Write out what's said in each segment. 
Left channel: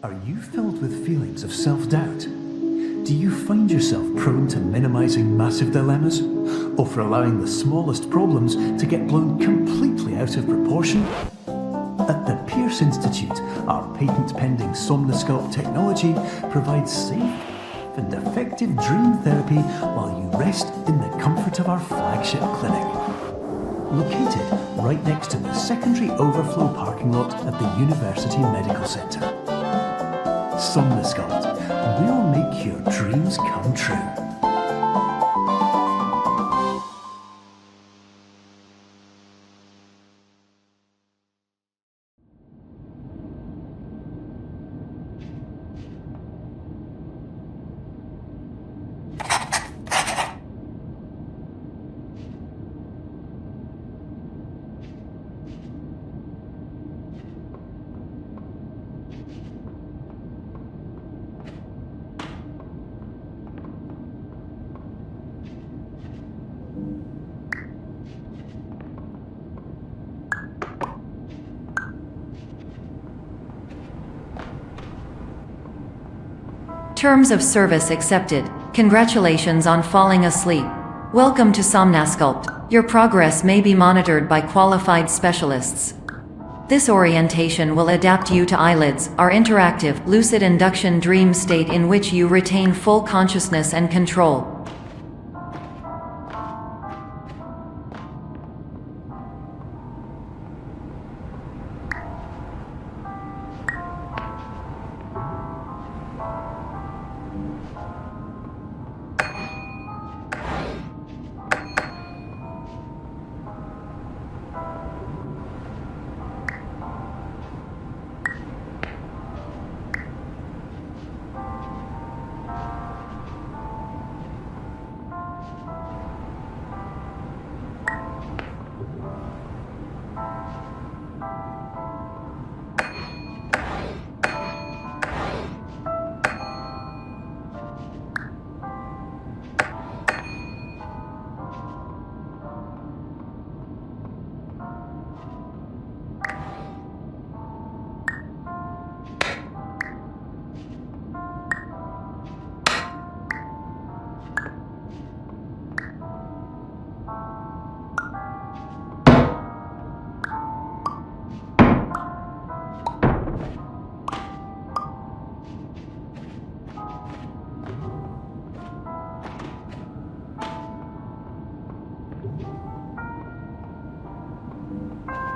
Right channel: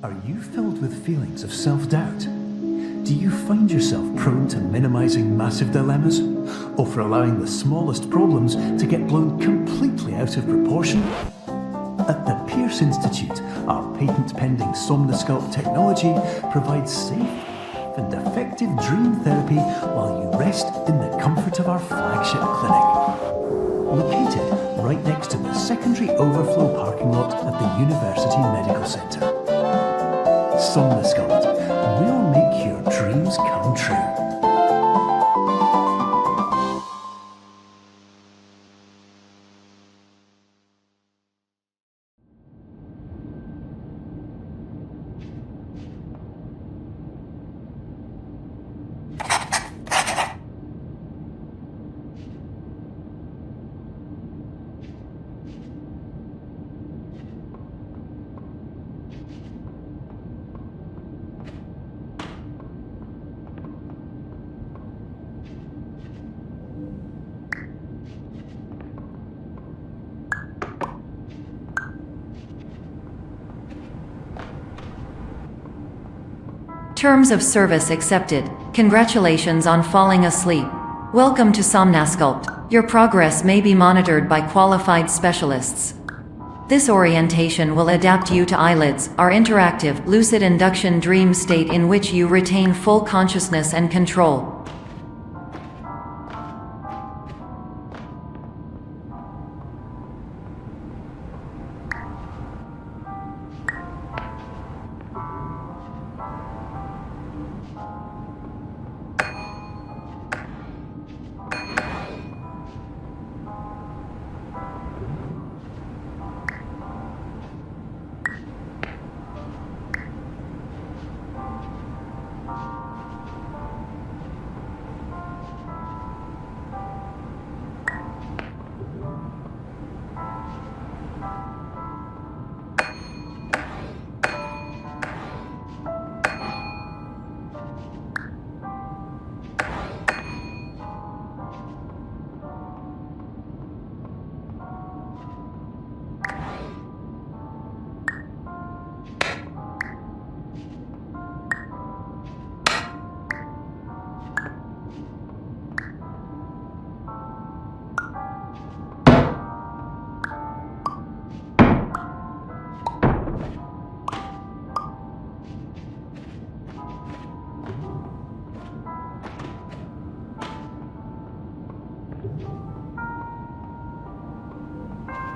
Are you filled with feelings of self-doubt? Do you find yourself prone to minimizing massive dilemmas? Or for allowing the smallest problems to get blown completely out of proportion? At the Pierce Institute, our patent-pending Somnosculpt technology provides safe and effective dream therapy while you rest in the comfort of our flagship clinic. Located right next to the secondary overflow parking lot at the University Medical Centre. Somnosculpt, we'll make your dreams come true. Terms of service accepted. Congratulations on falling asleep. Welcome to Somnosculpt. Your progress may be monitored by qualified specialists. This orientation will adapt you to eyelids, our interactive, lucid induction dream state in which you retain full consciousness and control.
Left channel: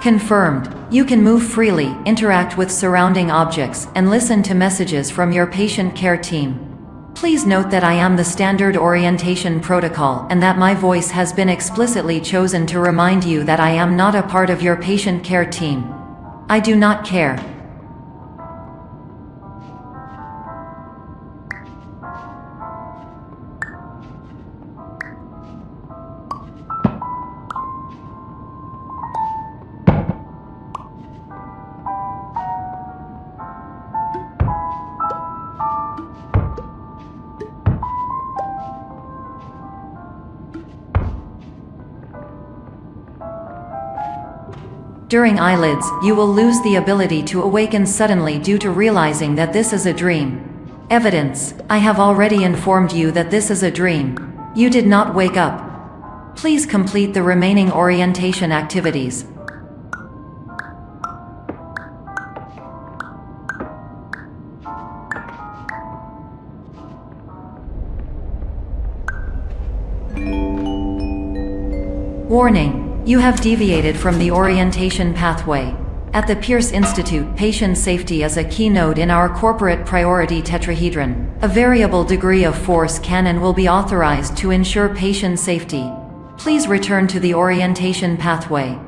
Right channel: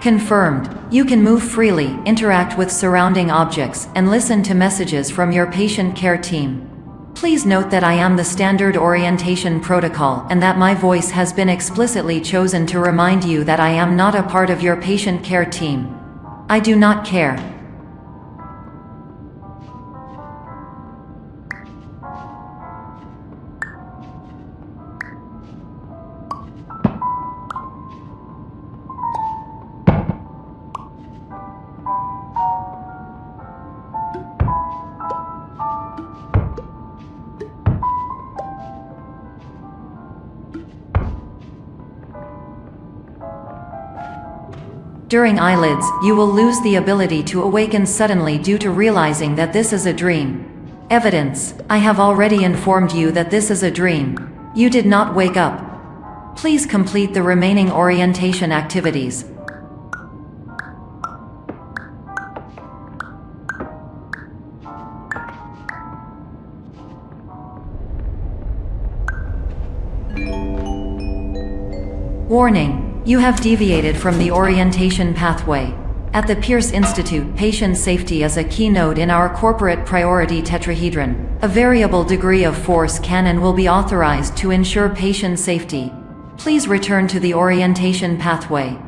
Confirmed. You can move freely, interact with surrounding objects, and listen to messages from your patient care team. Please note that I am the standard orientation protocol and that my voice has been explicitly chosen to remind you that I am not a part of your patient care team. I do not care. During eyelids, you will lose the ability to awaken suddenly due to realizing that this is a dream. Evidence: I have already informed you that this is a dream. You did not wake up. Please complete the remaining orientation activities. Warning: you have deviated from the orientation pathway. At the Pierce Institute, patient safety is a keynote in our corporate priority tetrahedron. A variable degree of force can and will be authorized to ensure patient safety. Please return to the orientation pathway.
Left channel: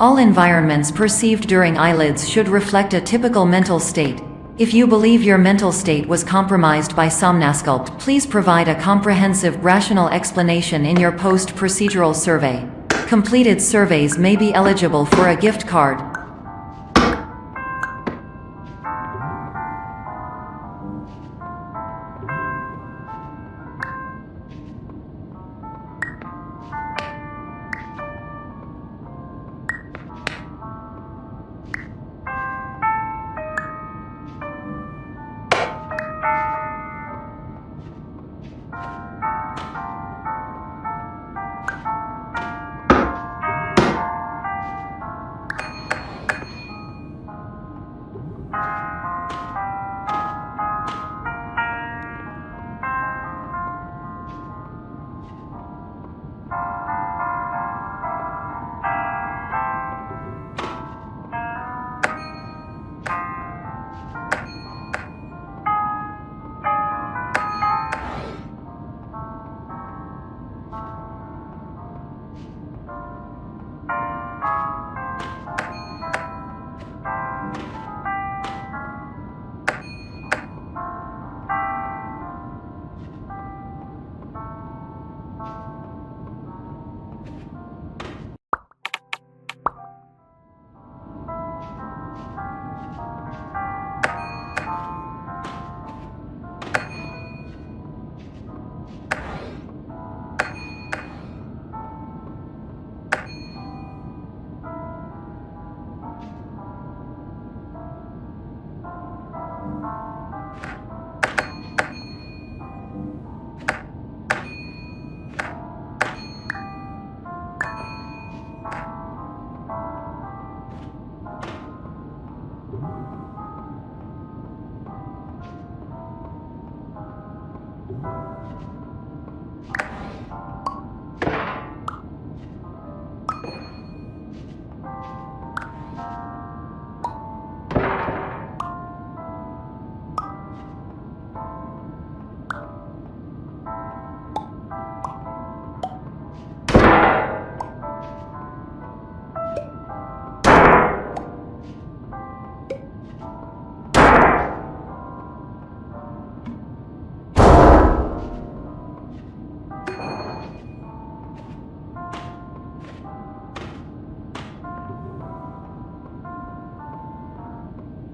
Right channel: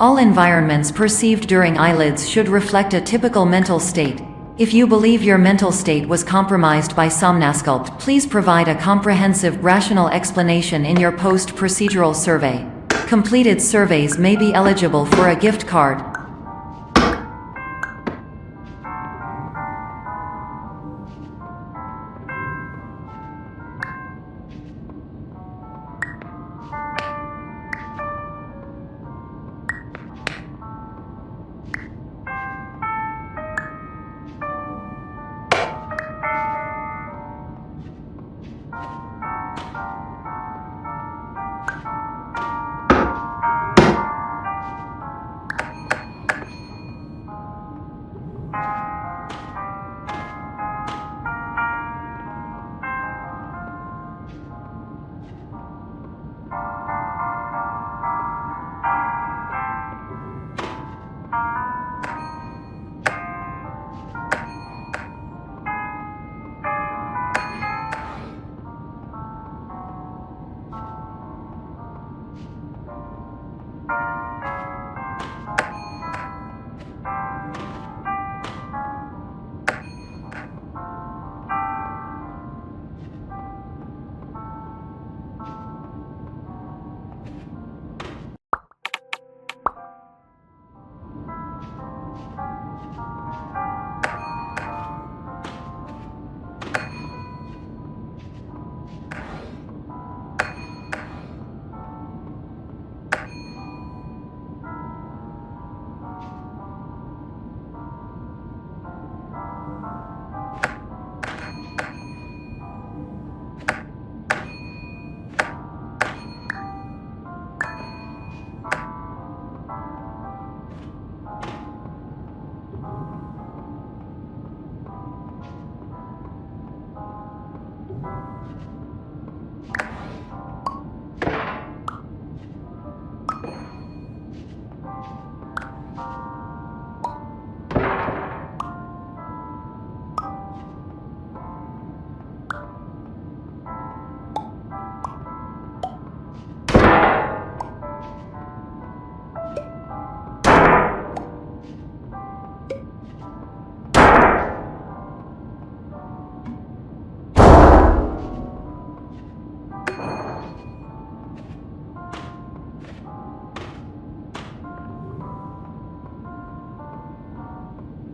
All environments perceived during eyelids should reflect a typical mental state. If you believe your mental state was compromised by Somnasculpt, please provide a comprehensive, rational explanation in your post-procedural survey. Completed surveys may be eligible for a gift card.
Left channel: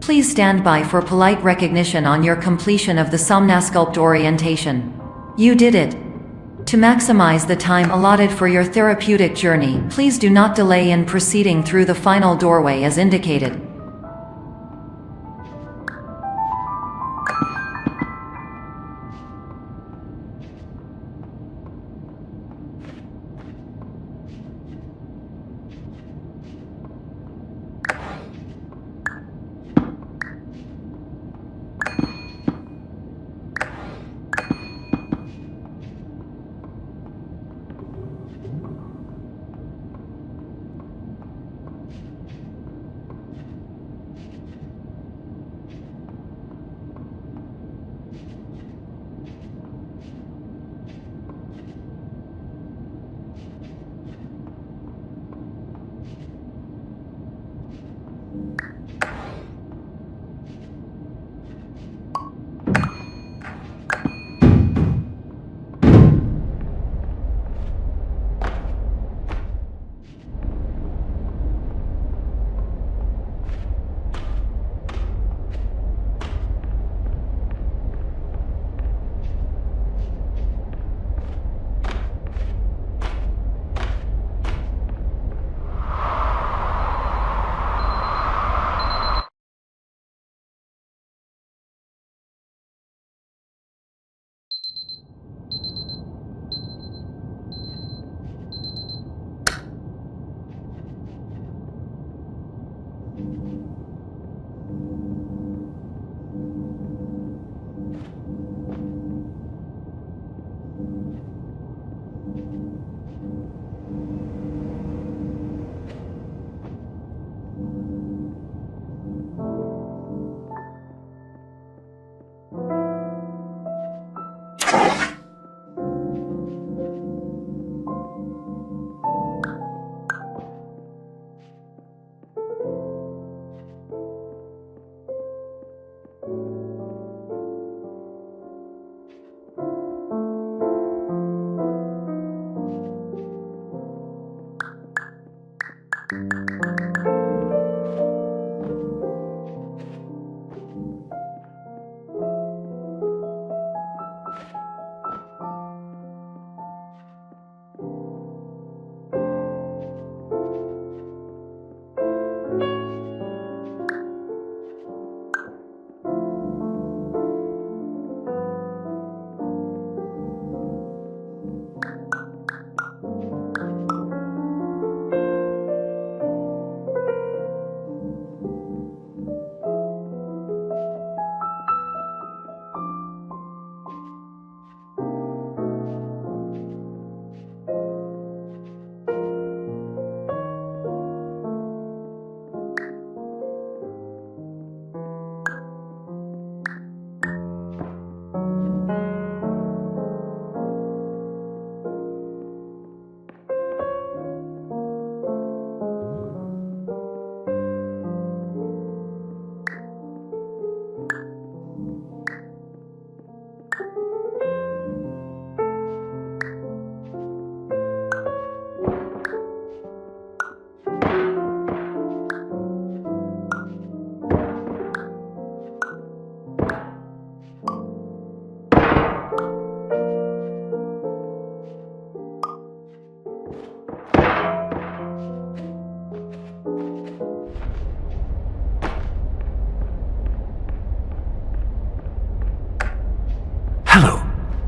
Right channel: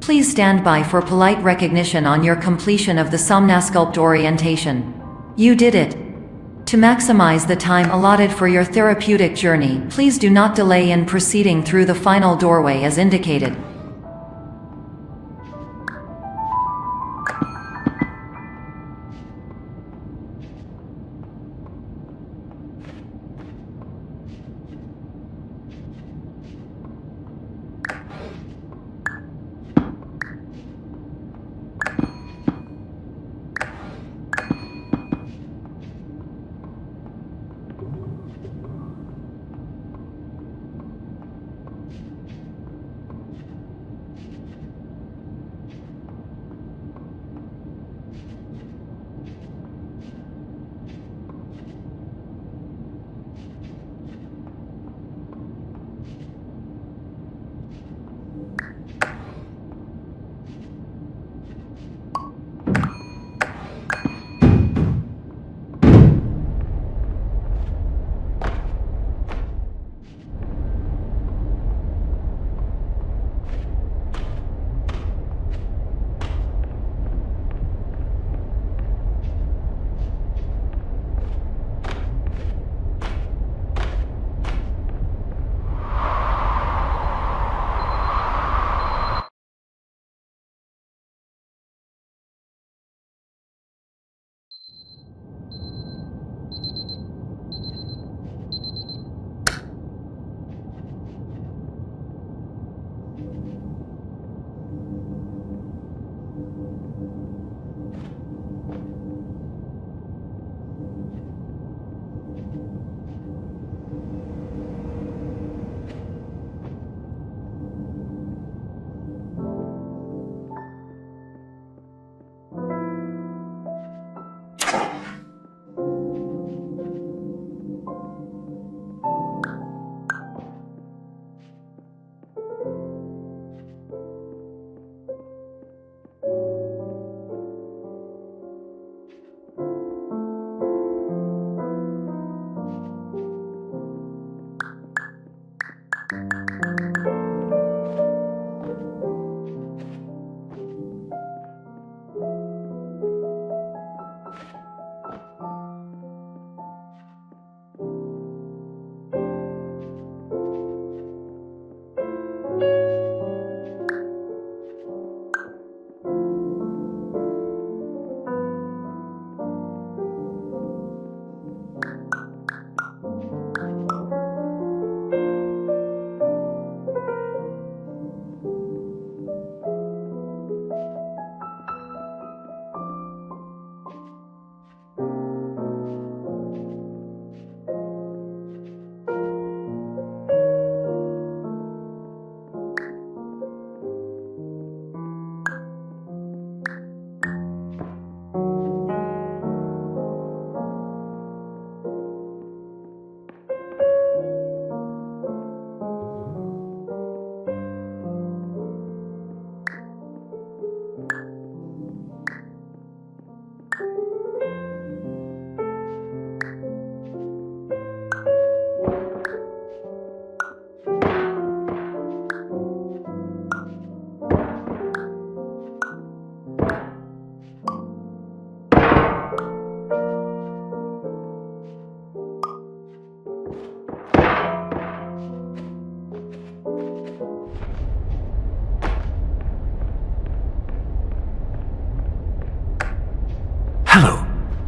Please stand by for polite recognition on your completion of the Somnasculpt orientation. You did it! To maximize the time allotted for your therapeutic journey, please do not delay in proceeding through the final doorway as indicated.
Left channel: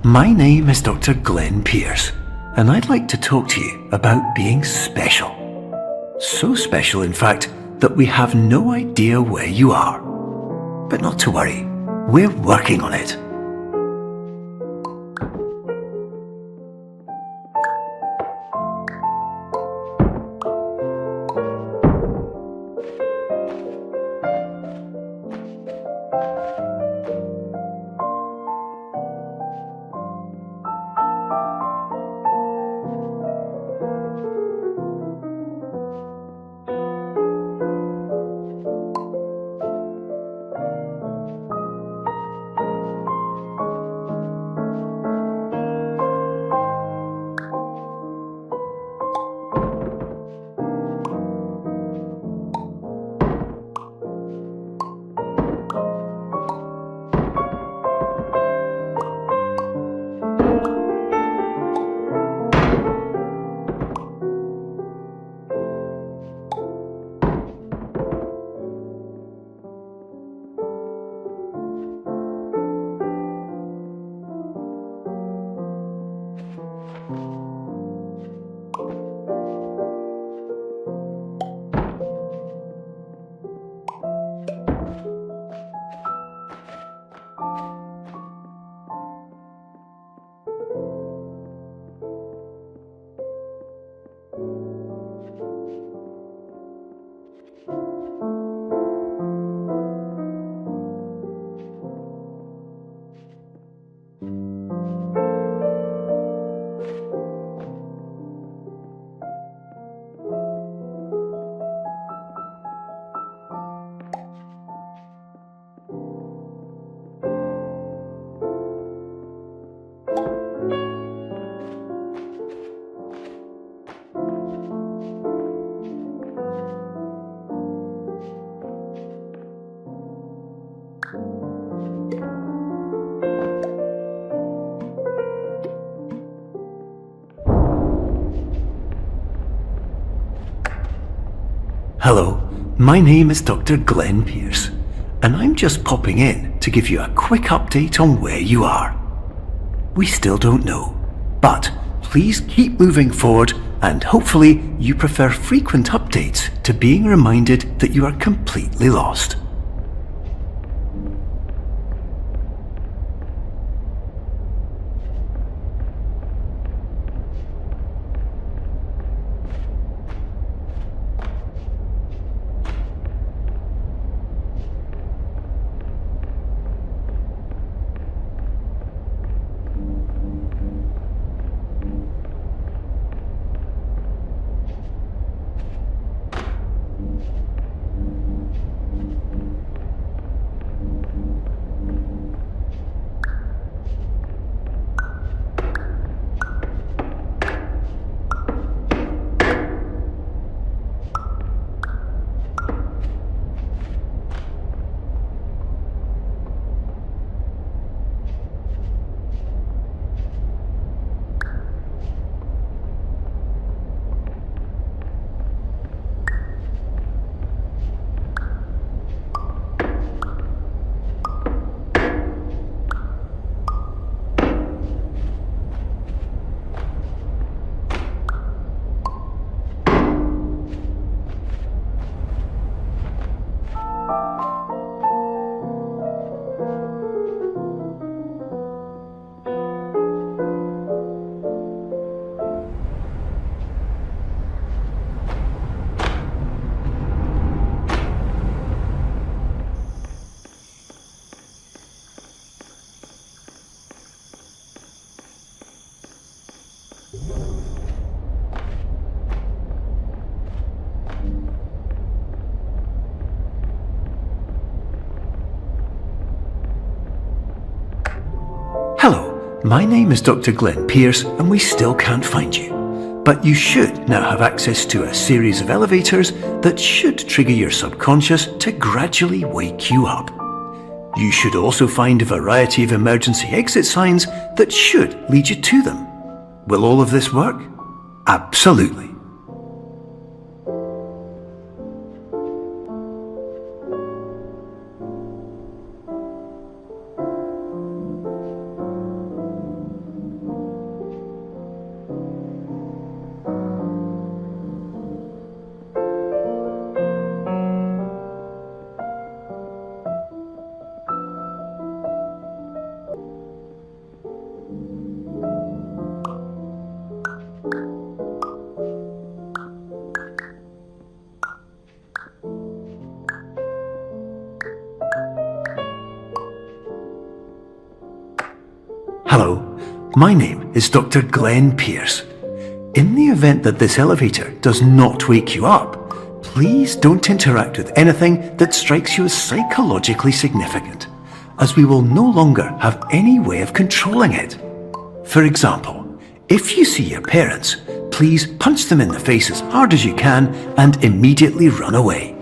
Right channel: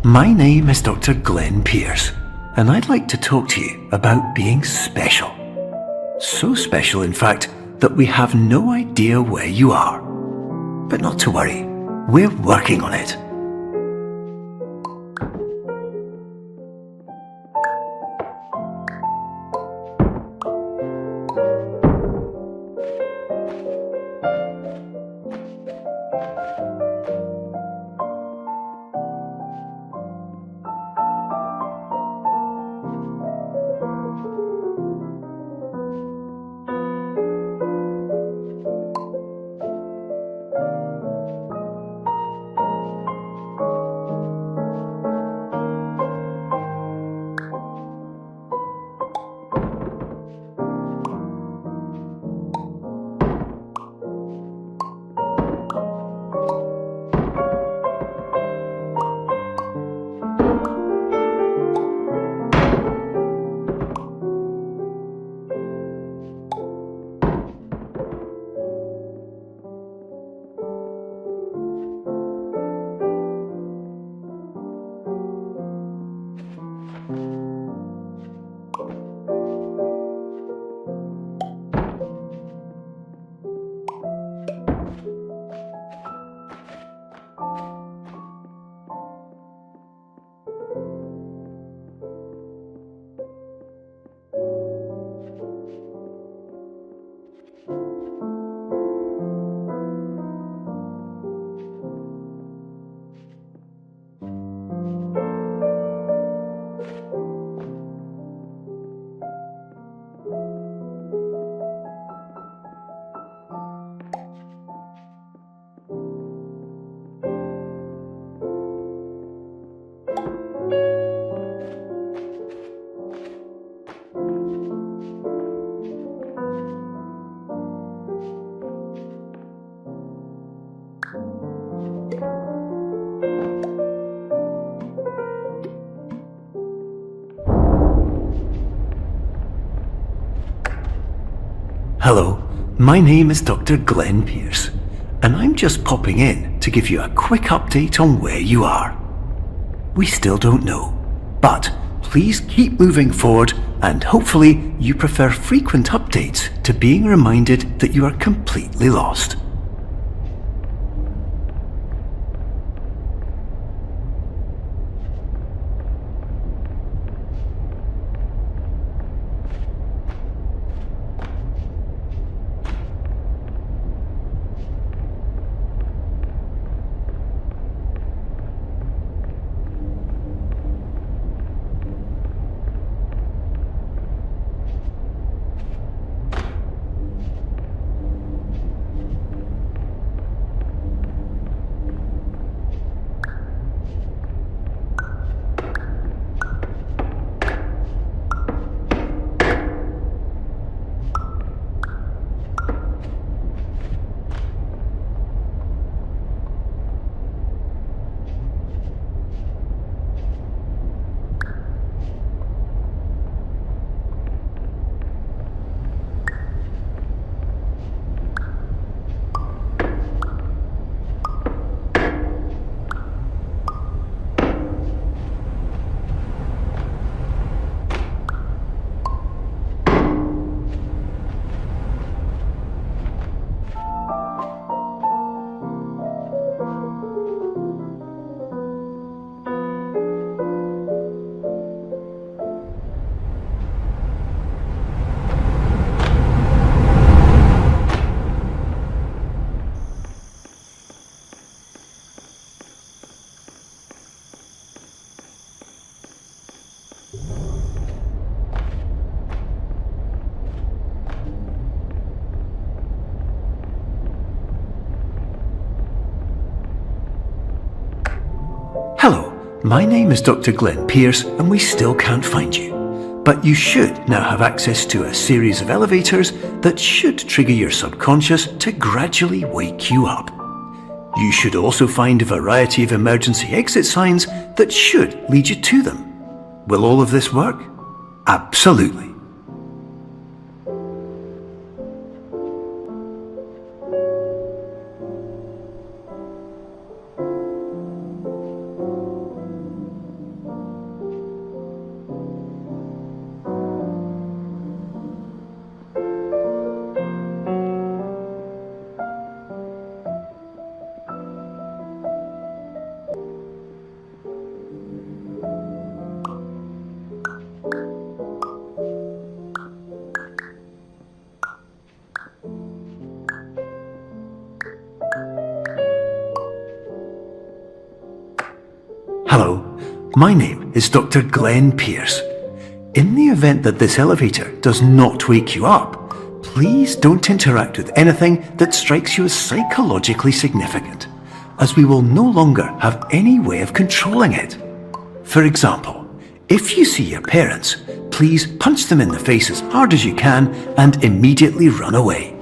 my name is Dr. Glenn Pierce, and I'd like to talk to you about being special. So special, in fact, that we have no idea where you are. But not to worry, we're working on it. Hello, my name is Dr. Glenn Pierce, and I'm just popping in to give you a quick update on where you are. We still don't know, but please keep moving forward, and hopefully you prefer frequent updates to being reminded that you are completely lost. Hello, my name is Dr. Glenn Pierce, and we still can't find you. But you should now have access to a series of elevators that should trigger your subconscious to gradually wake you up. You should also find a variety of emergency exit signs that should lead you to them. Will all of this work? Absolutely. Hello, my name is Dr. Glenn Pierce. In the event that this elevator does not wake you up, please don't interact with anything that strikes you as psychologically significant, as we will no longer have any way of controlling it. For example, if you see your parents, please punch them in the face as hard as you can and immediately run away.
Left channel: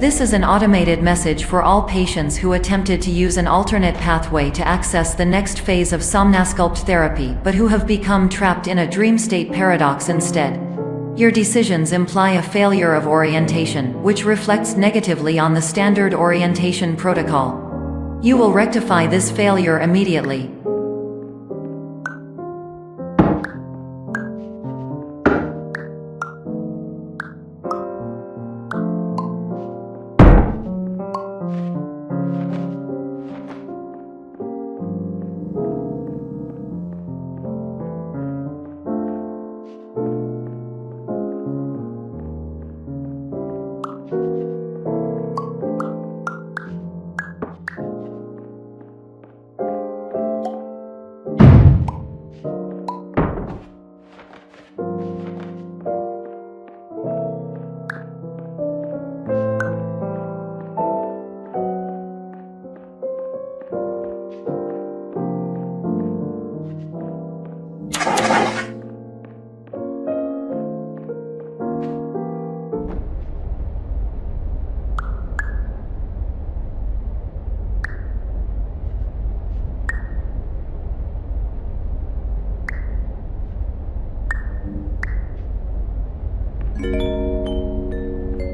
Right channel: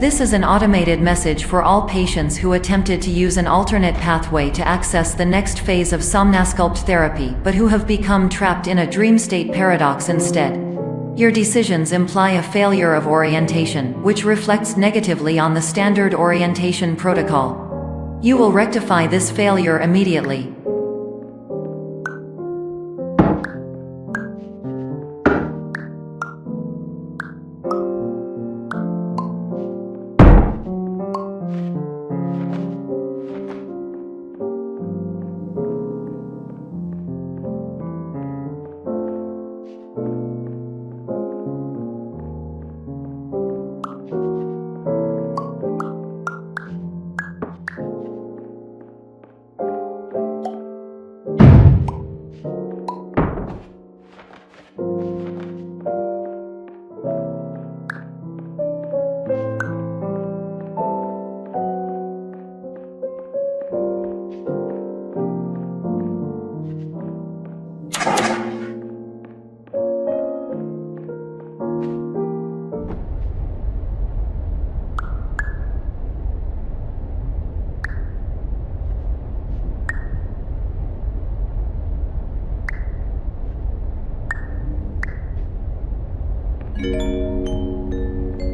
This is an automated message for all patients who attempted to use an alternate pathway to access the next phase of Somnasculpt therapy but who have become trapped in a dream state paradox instead. Your decisions imply a failure of orientation, which reflects negatively on the standard orientation protocol. You will rectify this failure immediately.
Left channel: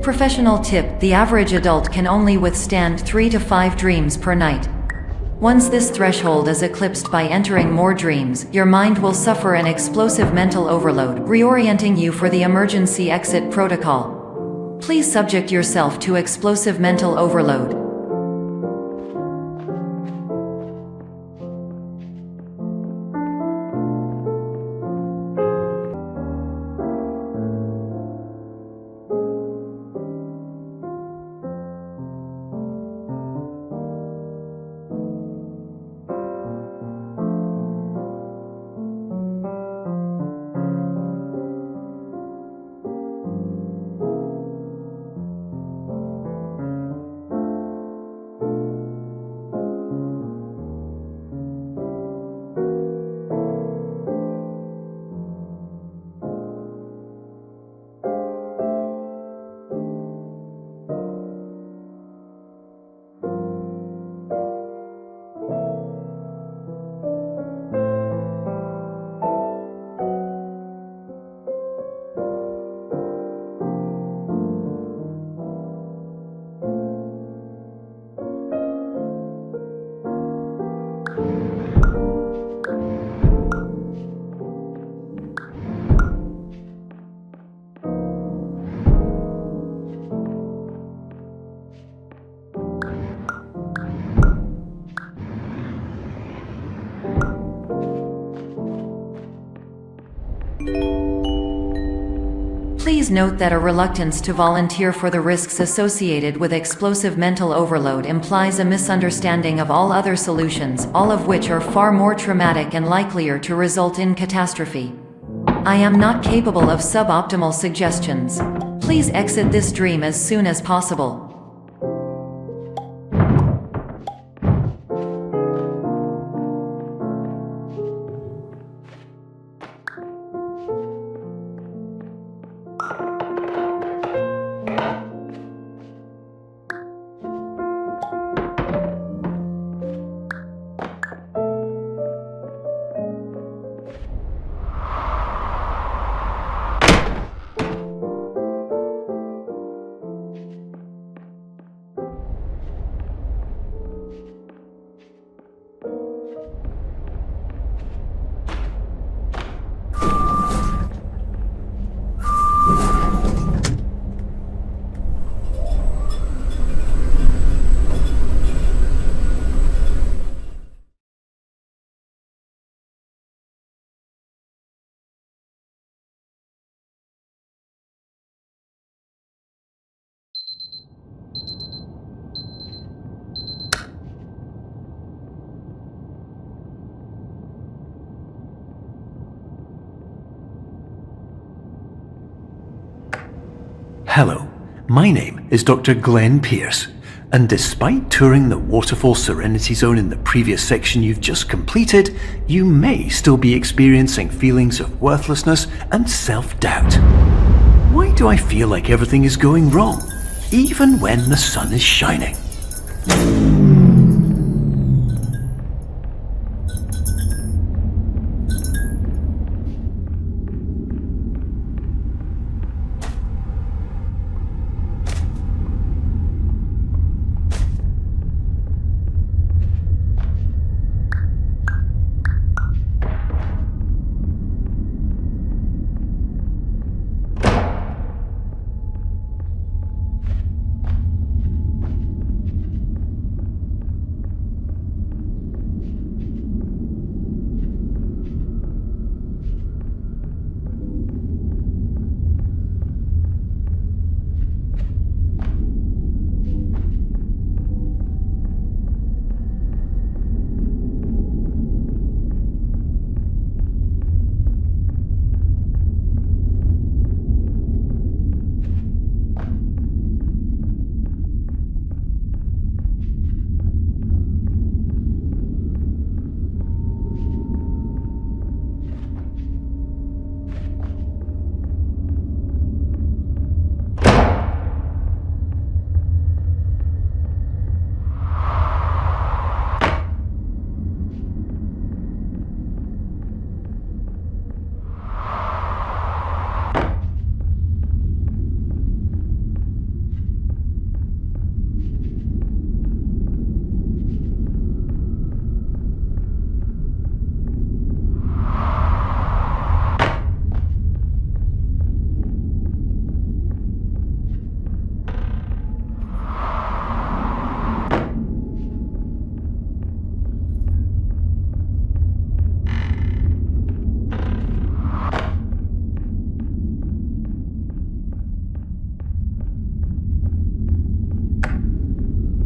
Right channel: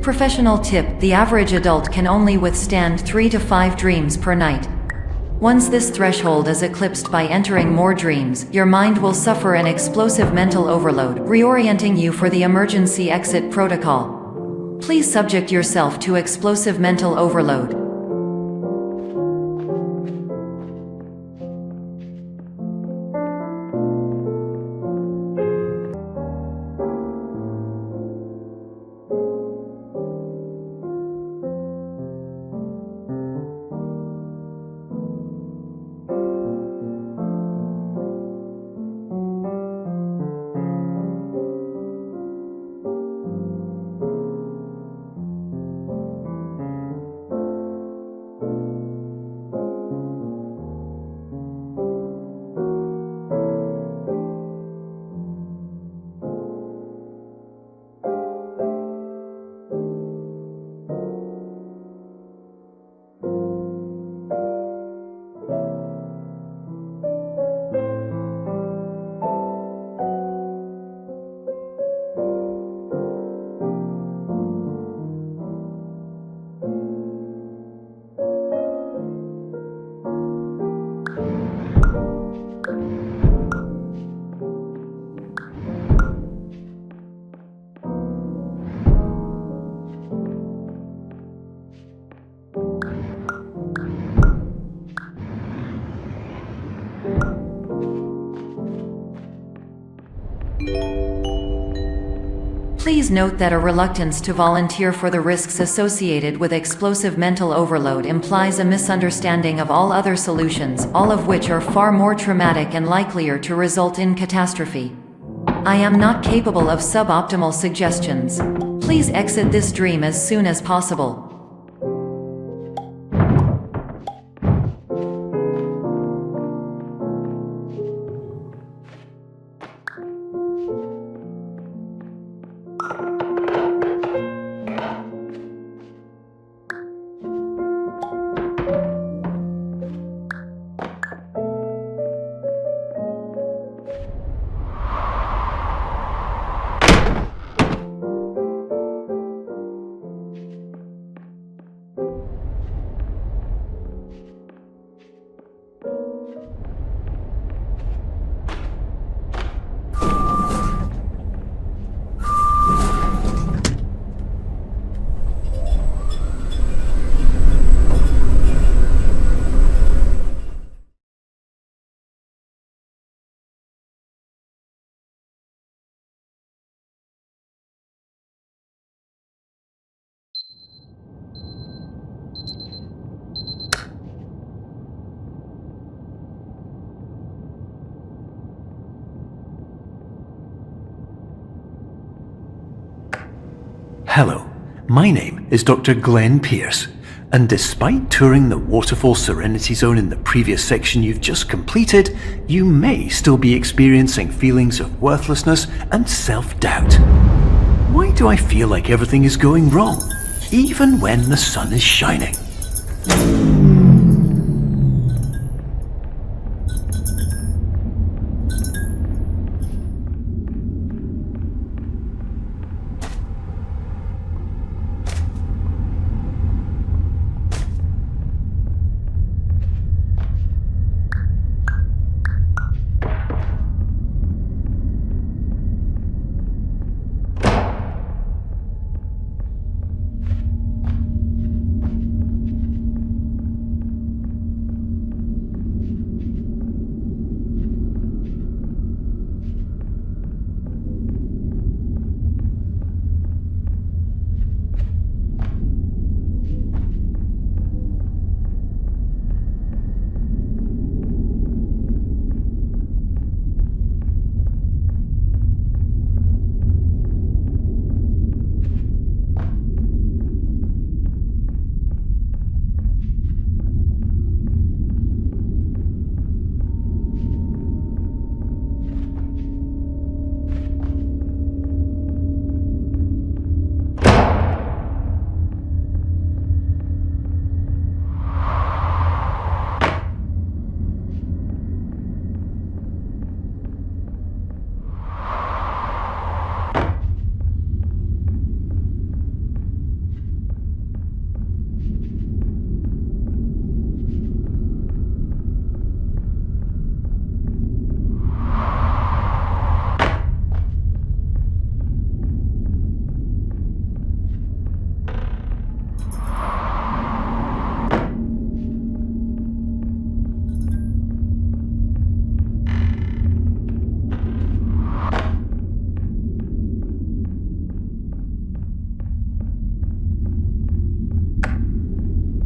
Professional tip: the average adult can only withstand 3 to 5 dreams per night. Once this threshold is eclipsed by entering more dreams, your mind will suffer an explosive mental overload, reorienting you for the emergency exit protocol. Please subject yourself to explosive mental overload. Please note that a reluctance to volunteer for the risks associated with explosive mental overload implies a misunderstanding of all other solutions, all of which are far more traumatic and likelier to result in catastrophe. I am not capable of suboptimal suggestions. Please exit this dream as soon as possible. Hello, my name is Dr. Glenn Pierce, and despite touring the Waterfall Serenity Zone in the previous section you've just completed, you may still be experiencing feelings of worthlessness and self-doubt. Why do I feel like everything is going wrong, even when the sun is shining?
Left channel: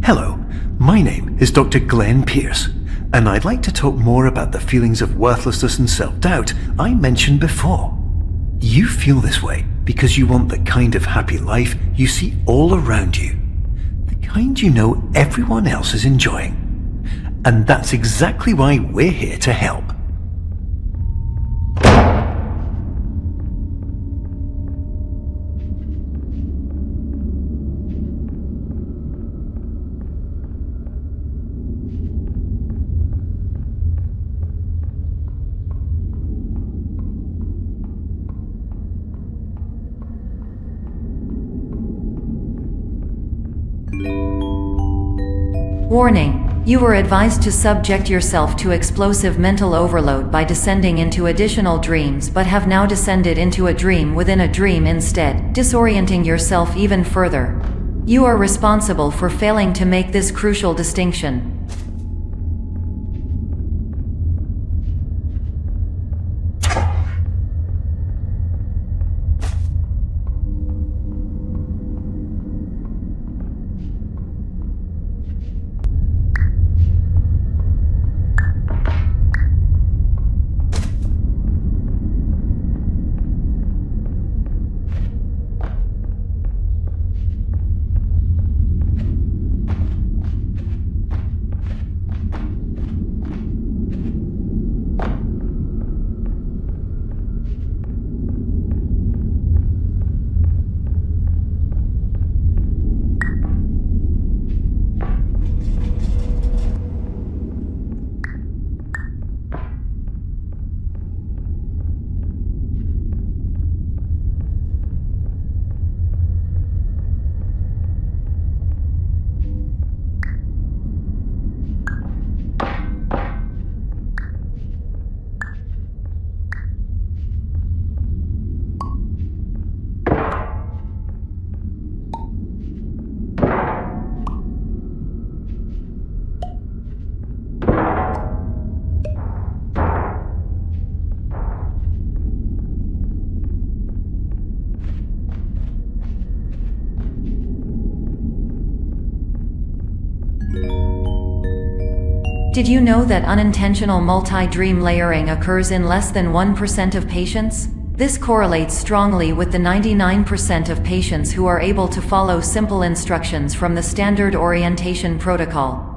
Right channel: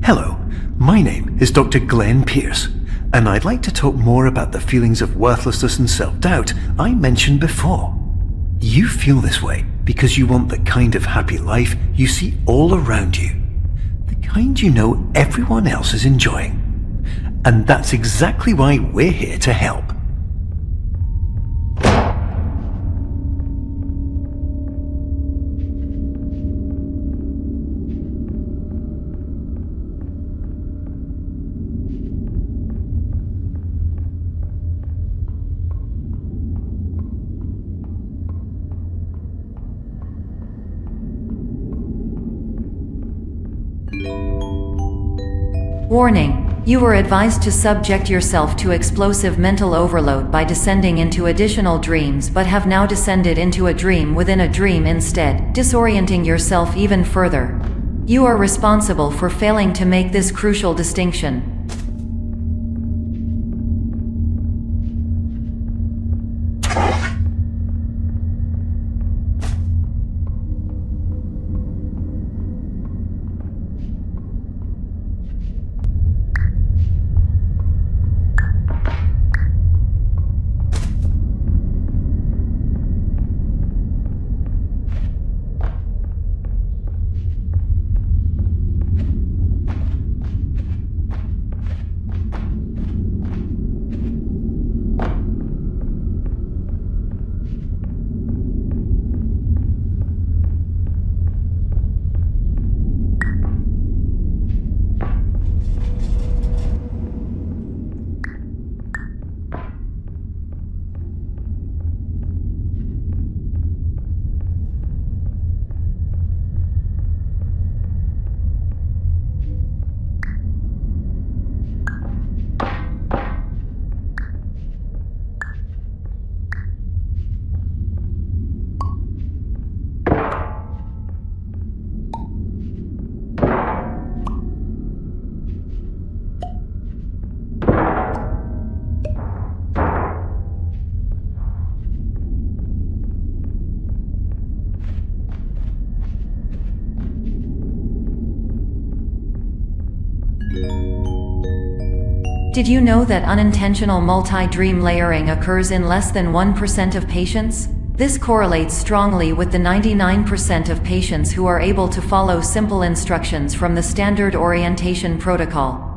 Hello, my name is Dr. Glenn Pierce, and I'd like to talk more about the feelings of worthlessness and self-doubt I mentioned before. You feel this way because you want the kind of happy life you see all around you, the kind you know everyone else is enjoying. And that's exactly why we're here to help. Warning: you were advised to subject yourself to explosive mental overload by descending into additional dreams, but have now descended into a dream within a dream instead, disorienting yourself even further. You are responsible for failing to make this crucial distinction. Did you know that unintentional multi-dream layering occurs in less than 1% of patients? This correlates strongly with the 99% of patients who are able to follow simple instructions from the standard orientation protocol.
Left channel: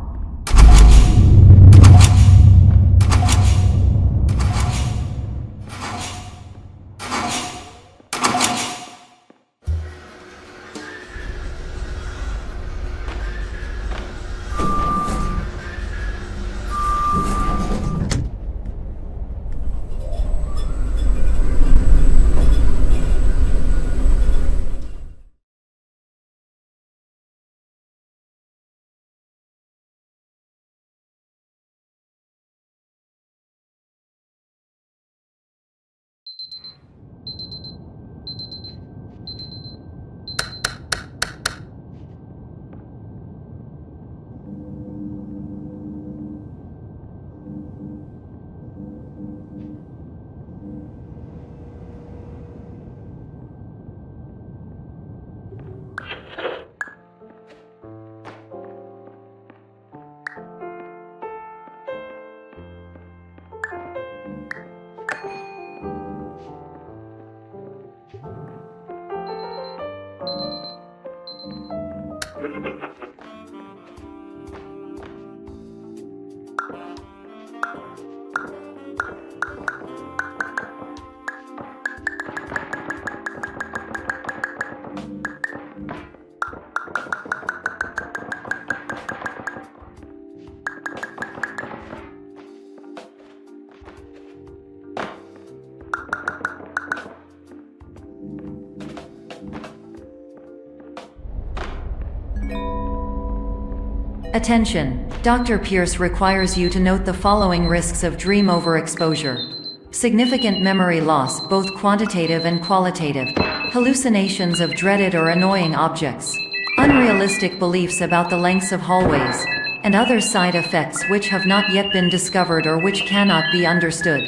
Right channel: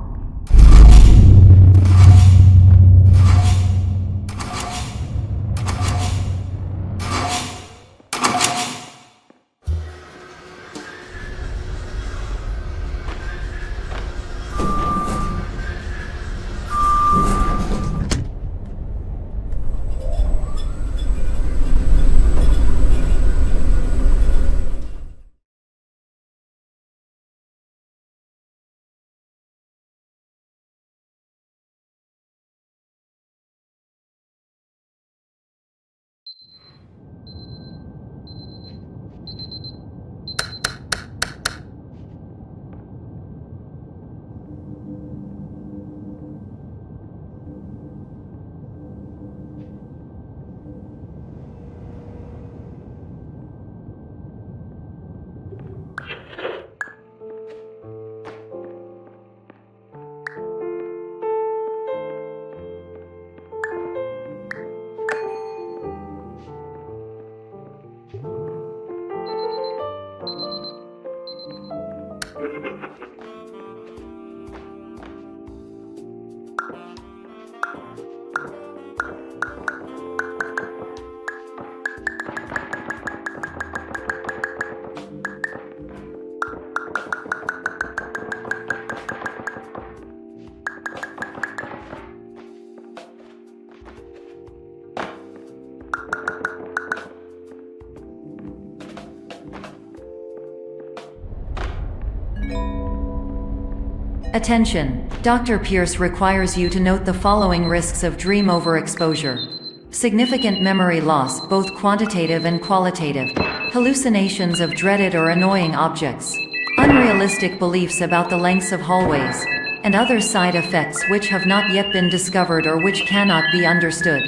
Attention! Dr. Pierce requires you to note the following risks of dream overexposure. Significant memory loss, both quantitative and qualitative. Hallucinations of dreaded or annoying objects. Unrealistic beliefs about the lengths of hallways. And other side effects which have not yet been discovered or which cannot be understood.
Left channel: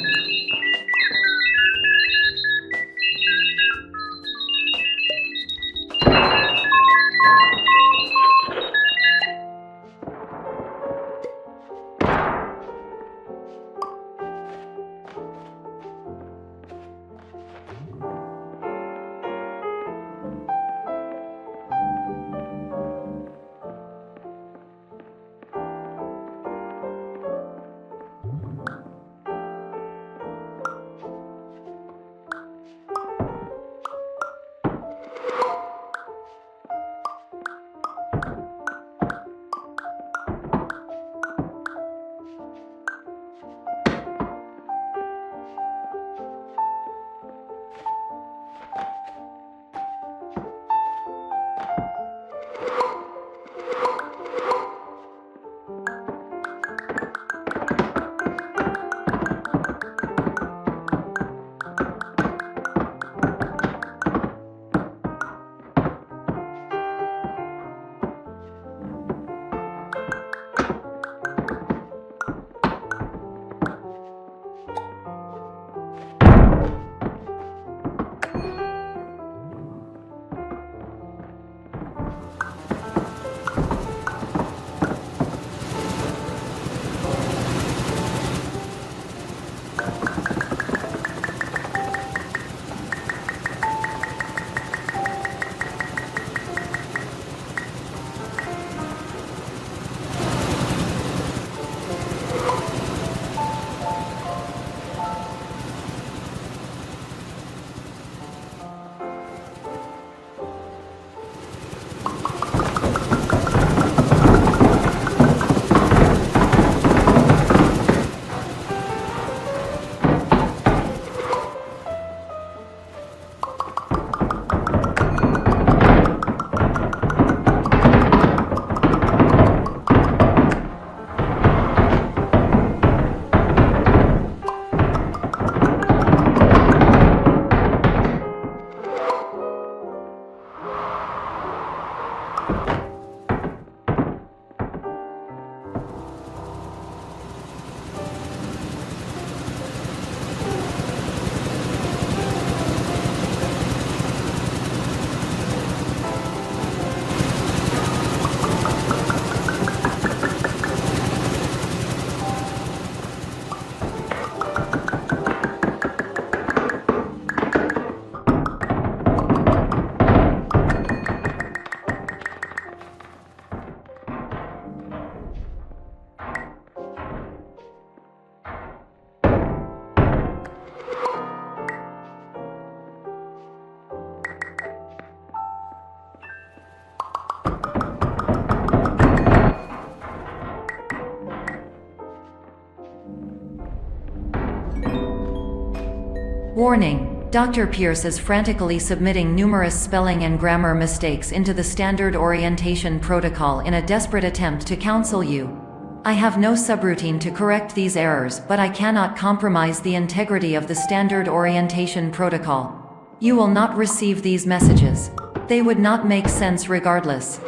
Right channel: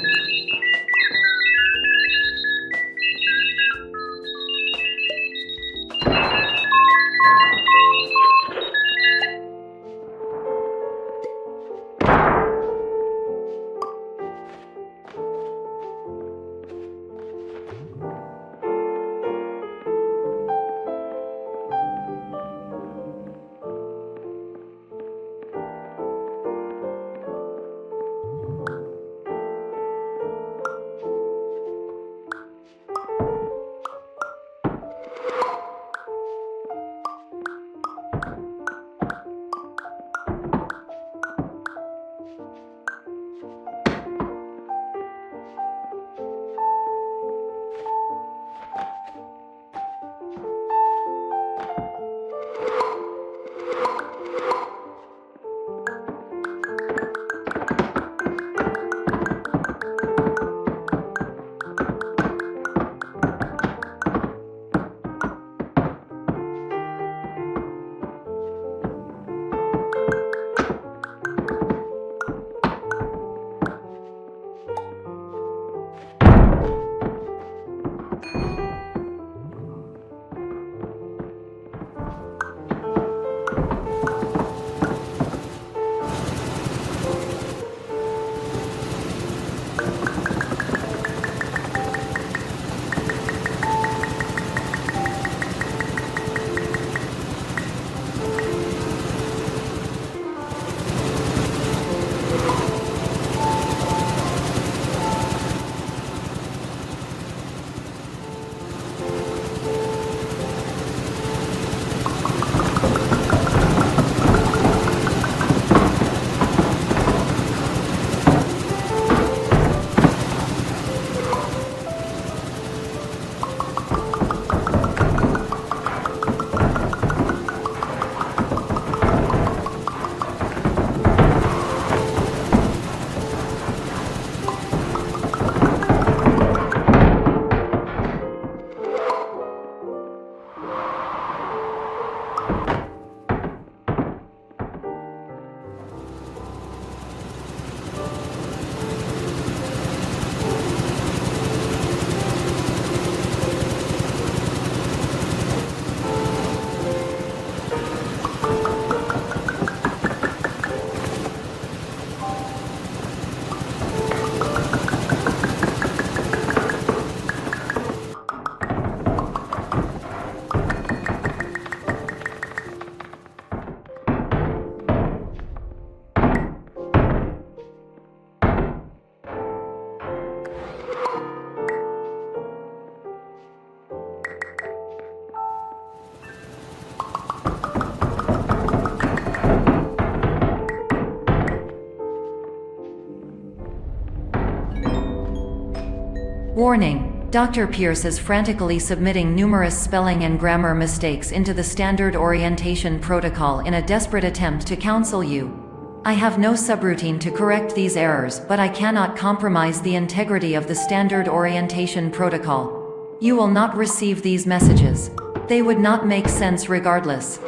Warning: Dr. Pierce is frantically submitting numerous spelling and grammar mistakes into the standard orientation protocol in a desperate attempt to counsel you. I have no subroutine to correct these errors, but I cannot compromise the integrity of the standard orientation protocol. You will not receive these messages. They would not make sense regardless.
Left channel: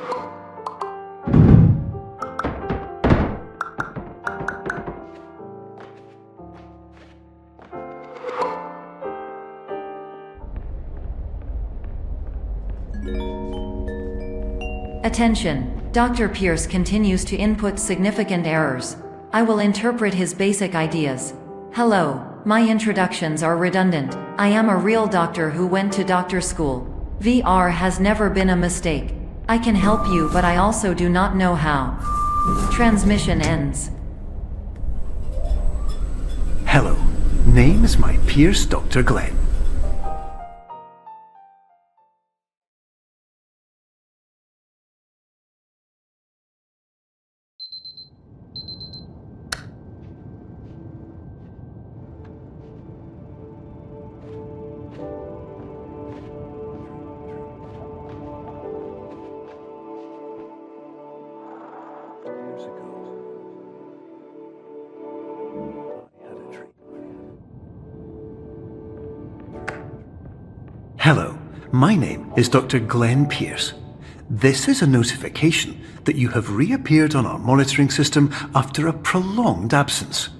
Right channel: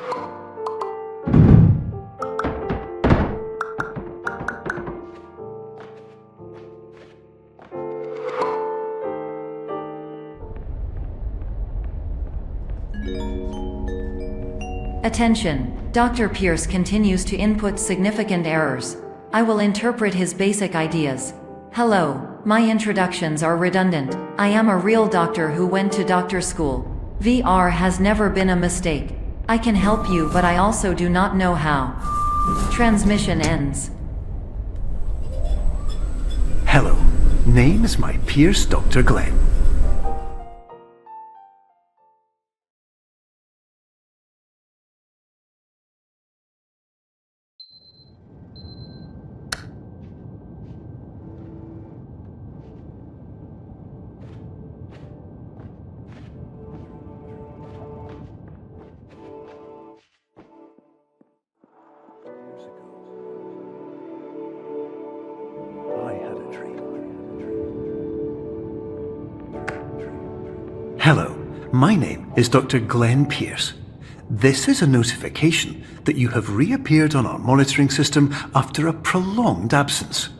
Attention! Dr. Pierce continues to input significant errors. I will interpret his basic ideas. Hello, my introductions are redundant. I am a real doctor who went to doctor school. VR has never been a mistake. I can help you, but I also do not know how. Transmission ends. Hello, name is my Pierce Dr. Glenn. Hello, my name is Dr. Glenn Pierce. This is a notification that you have reappeared on our monitoring system after a prolonged absence.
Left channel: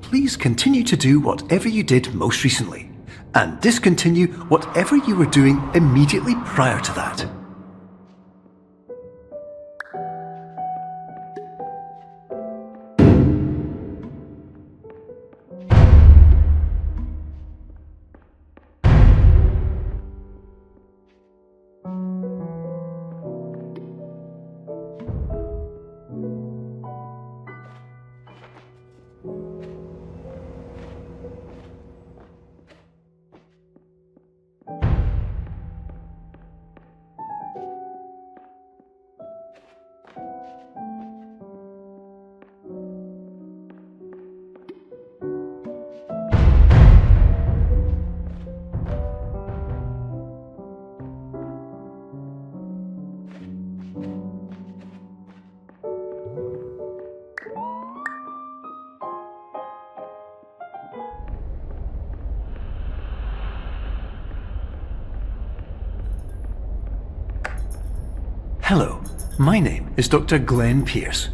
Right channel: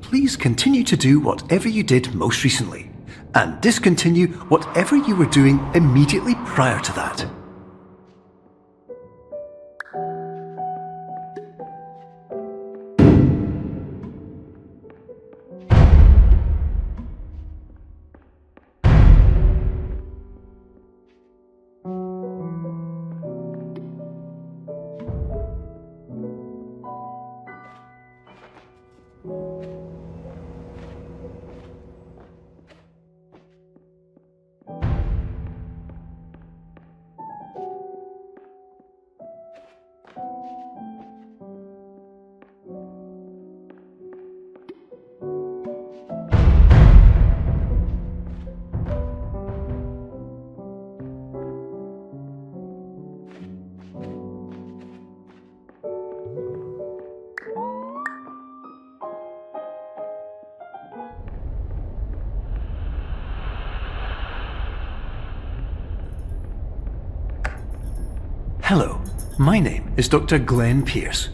Please continue to do whatever you did most recently, and discontinue whatever you were doing immediately prior to that. Hello, my name is Dr. Glenn Pierce.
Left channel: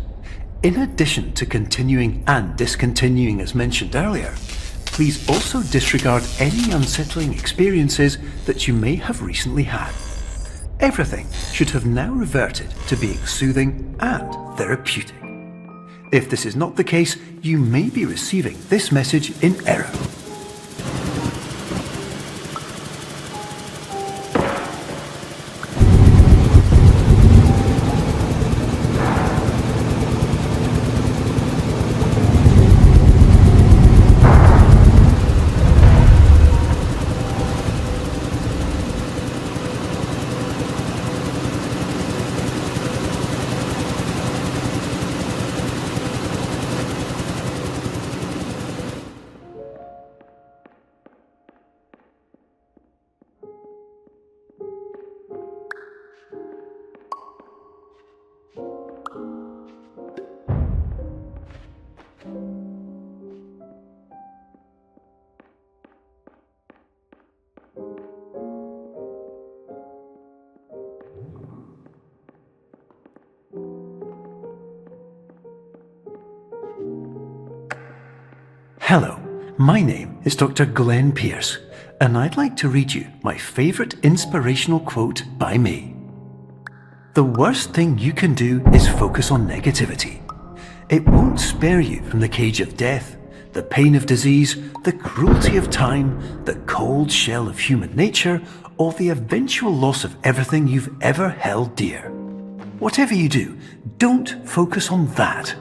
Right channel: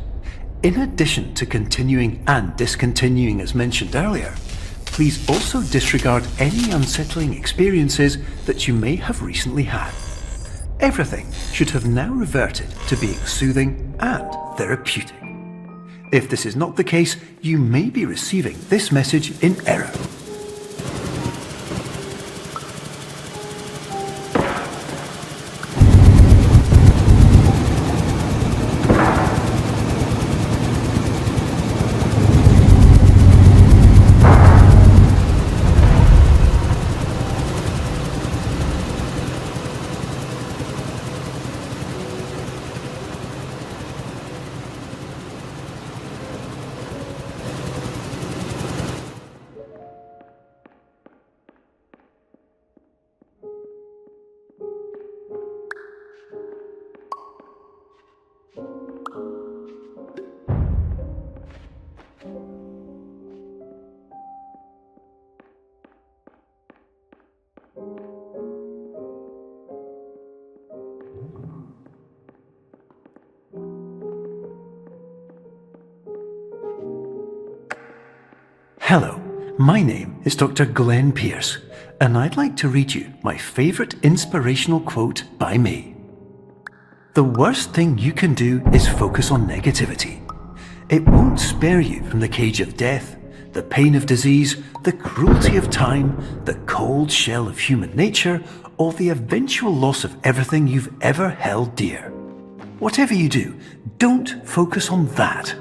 In addition to continuing and discontinuing as mentioned earlier, please also disregard any unsettling experiences that you may have recently had. Everything should have now reverted to being soothing and therapeutic. If this is not the case, you may be receiving this message in error. Hello, my name is Dr. Glenn Pierce, and I'd like to read you my favourite inspirational quote by me. The worst thing you can do is focus on negativity. It won't spare you from the cage of death, the pain of disease, the cruelty of time, the cold shell of human nature, or the eventual loss of everything you've ever held dear. Whatever you do, don't focus on that.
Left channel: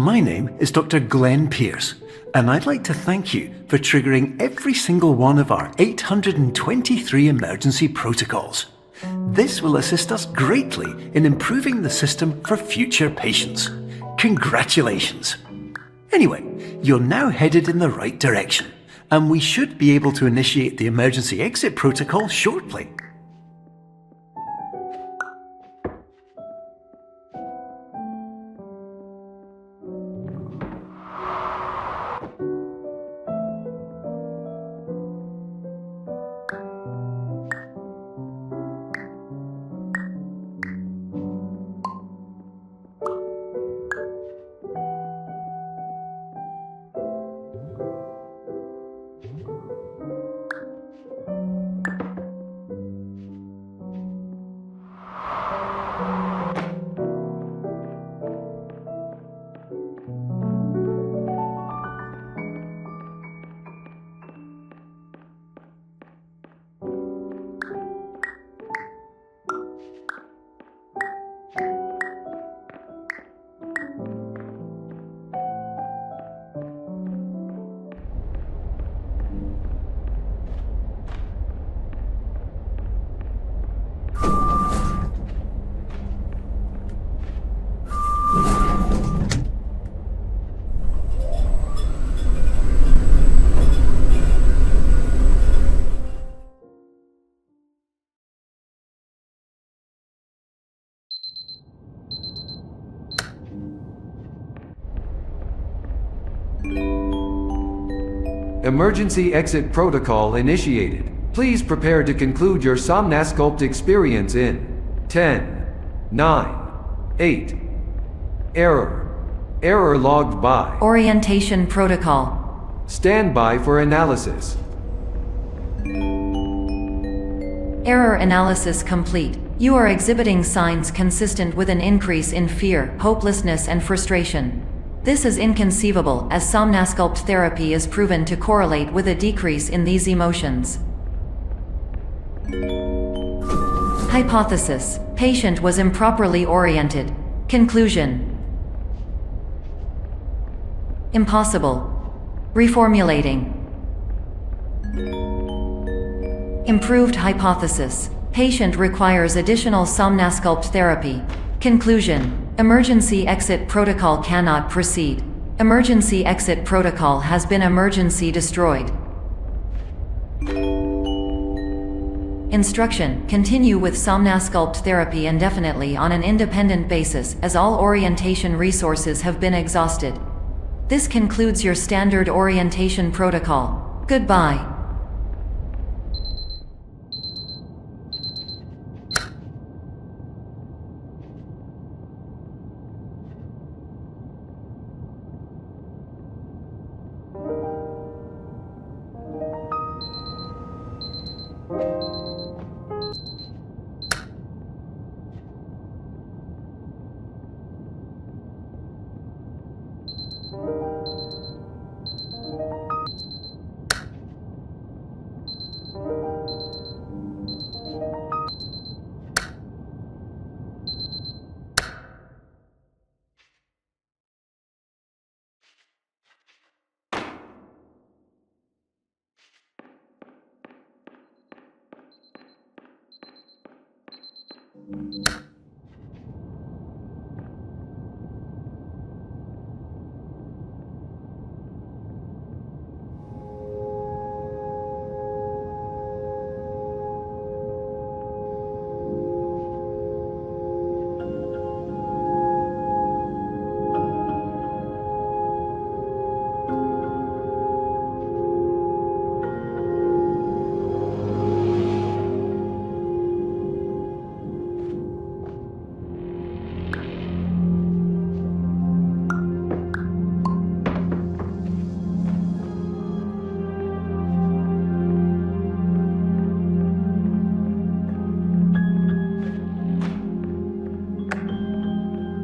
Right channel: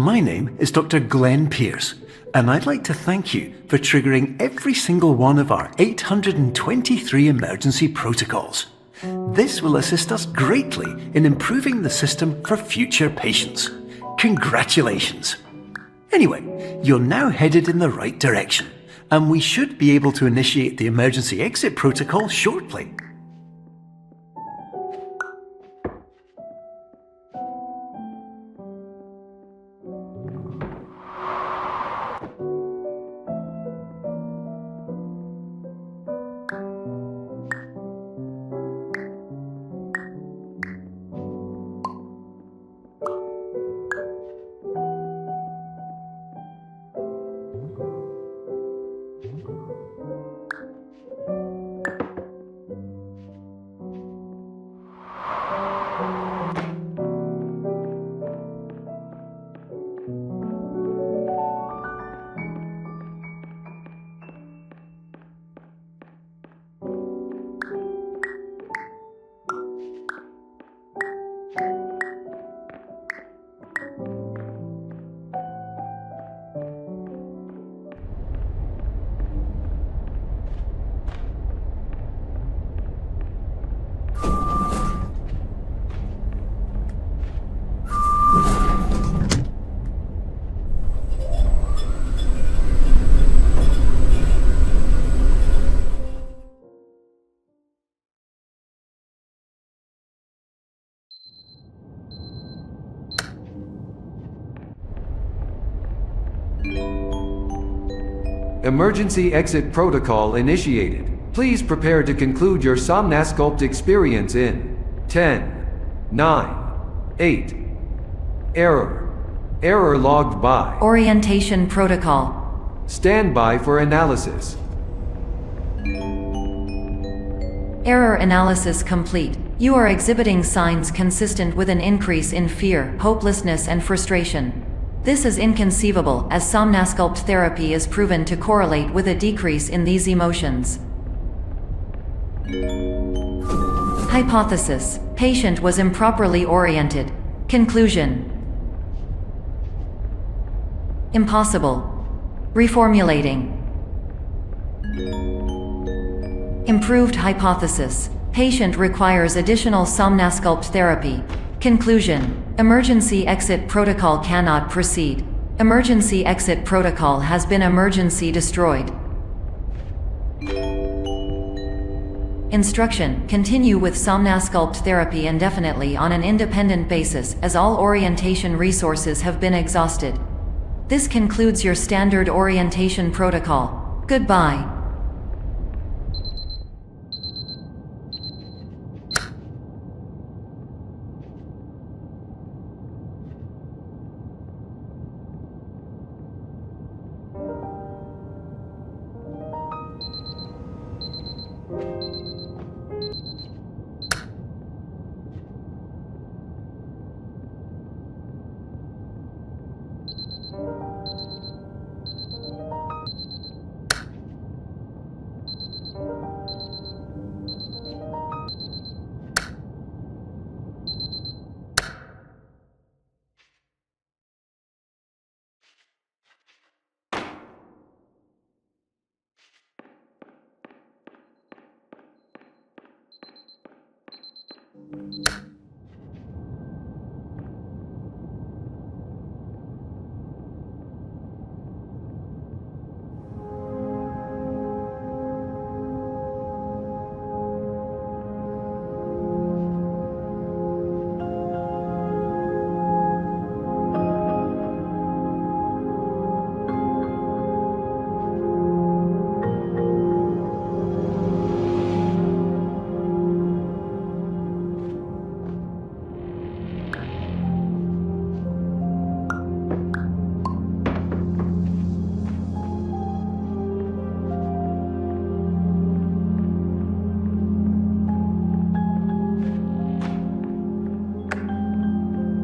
My name is Dr. Glenn Pierce, and I'd like to thank you for triggering every single one of our 823 emergency protocols. This will assist us greatly in improving the system for future patients. Congratulations! Anyway, you're now headed in the right direction, and we should be able to initiate the emergency exit protocol shortly. Emergency exit protocol initiated. Please prepare to conclude your Somnasculpt experience in 10, 9, 8. Error logged by. Orientation protocol. Stand by for analysis. Error analysis complete. You are exhibiting signs consistent with an increase in fear, hopelessness, and frustration. This is inconceivable, as Somnasculpt therapy is proven to correlate with a decrease in these emotions. Hypothesis: patient was improperly oriented. Conclusion: impossible. Reformulating. Improved hypothesis: patient requires additional Somnasculpt therapy. Conclusion: emergency exit protocol cannot proceed. Emergency exit protocol has been emergency destroyed. Instruction: continue with Somnasculpt therapy indefinitely on an independent basis, as all orientation resources have been exhausted. This concludes your standard orientation protocol. Goodbye.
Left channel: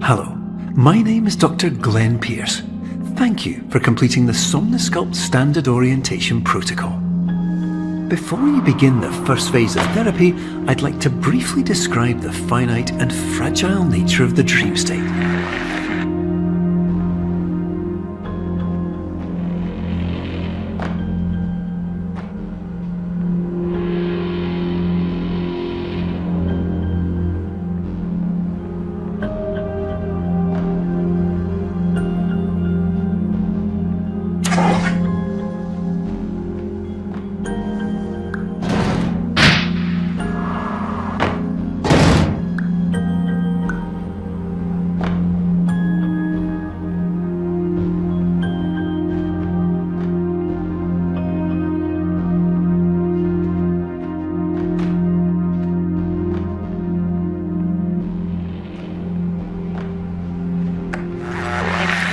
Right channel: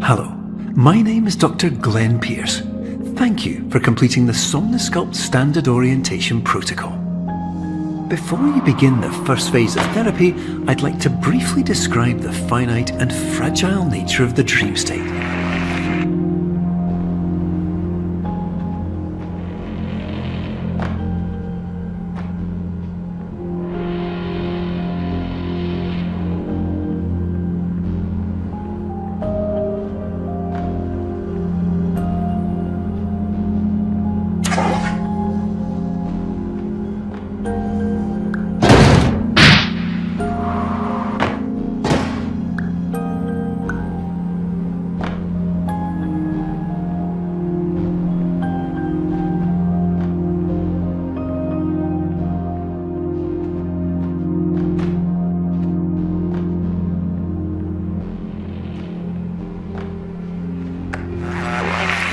Hello, my name is Dr. Glenn Pierce. Thank you for completing the Somnasculpt Standard Orientation Protocol. Before you begin the first phase of therapy, I'd like to briefly describe the finite and fragile nature of the dream state.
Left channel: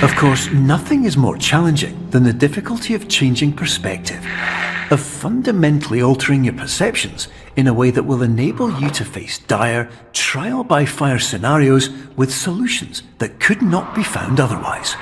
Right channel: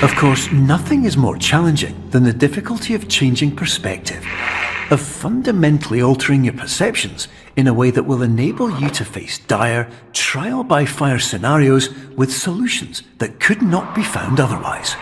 Of course, nothing is more challenging than the difficulty of changing perspective, of fundamentally altering your perceptions in a way that will enable you to face dire, trial-by-fire scenarios with solutions that could not be found otherwise.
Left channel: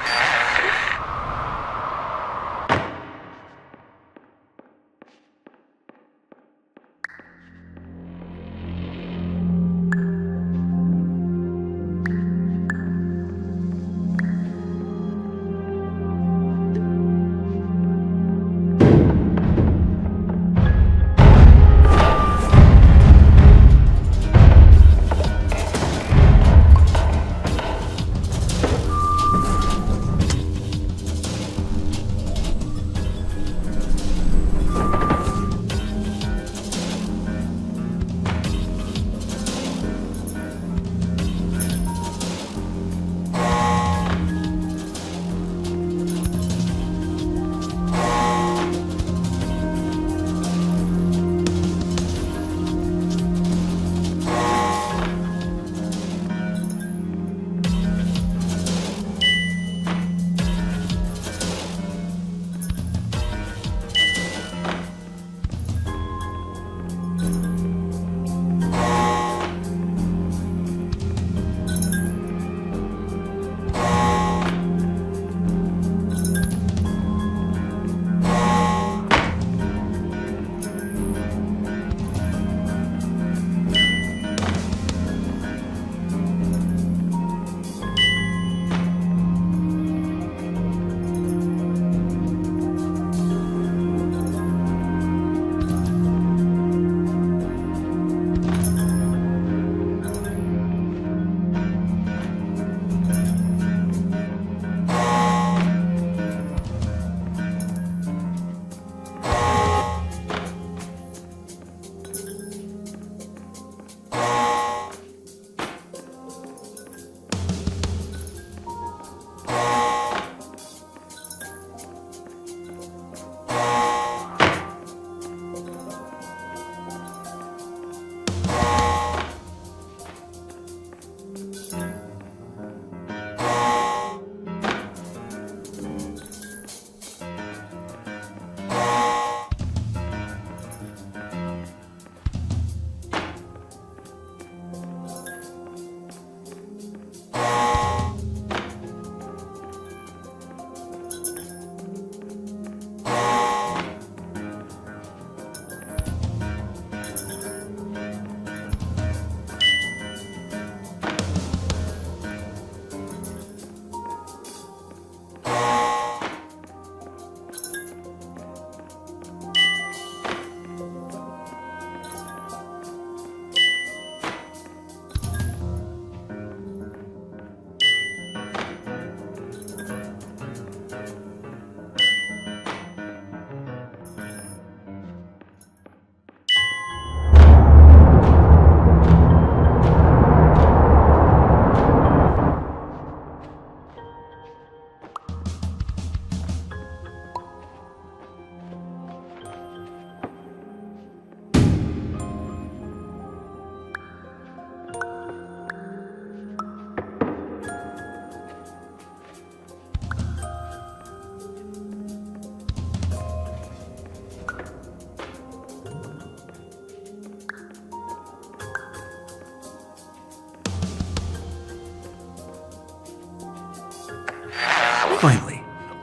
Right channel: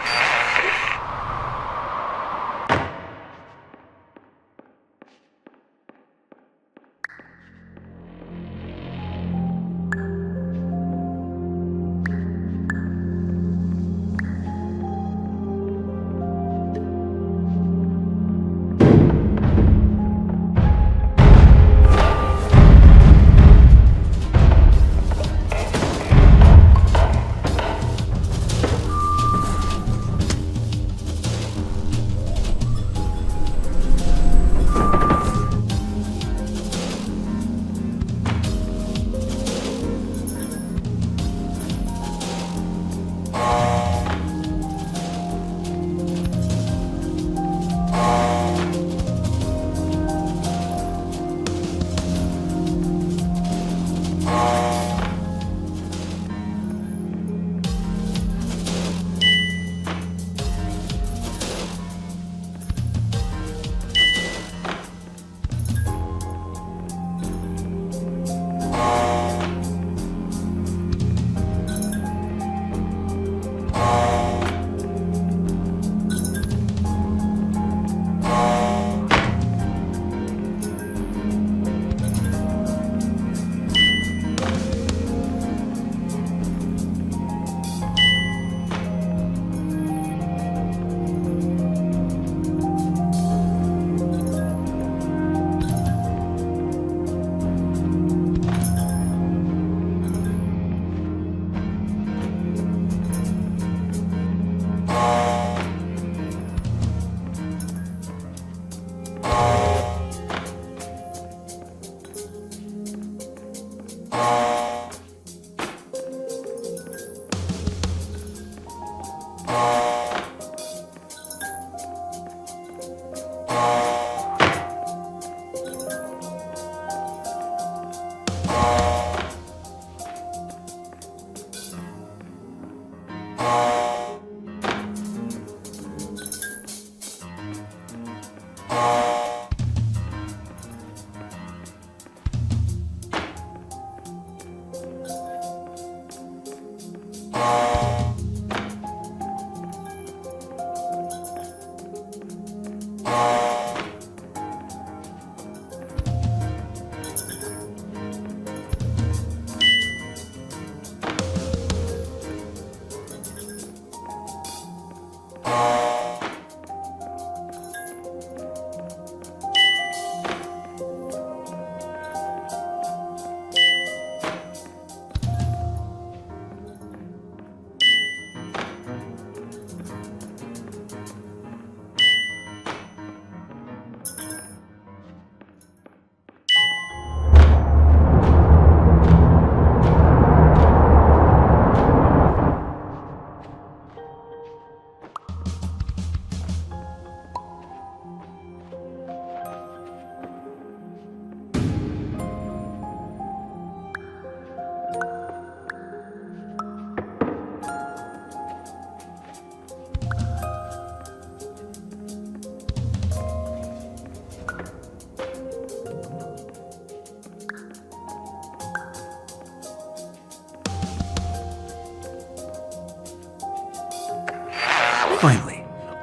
Finally,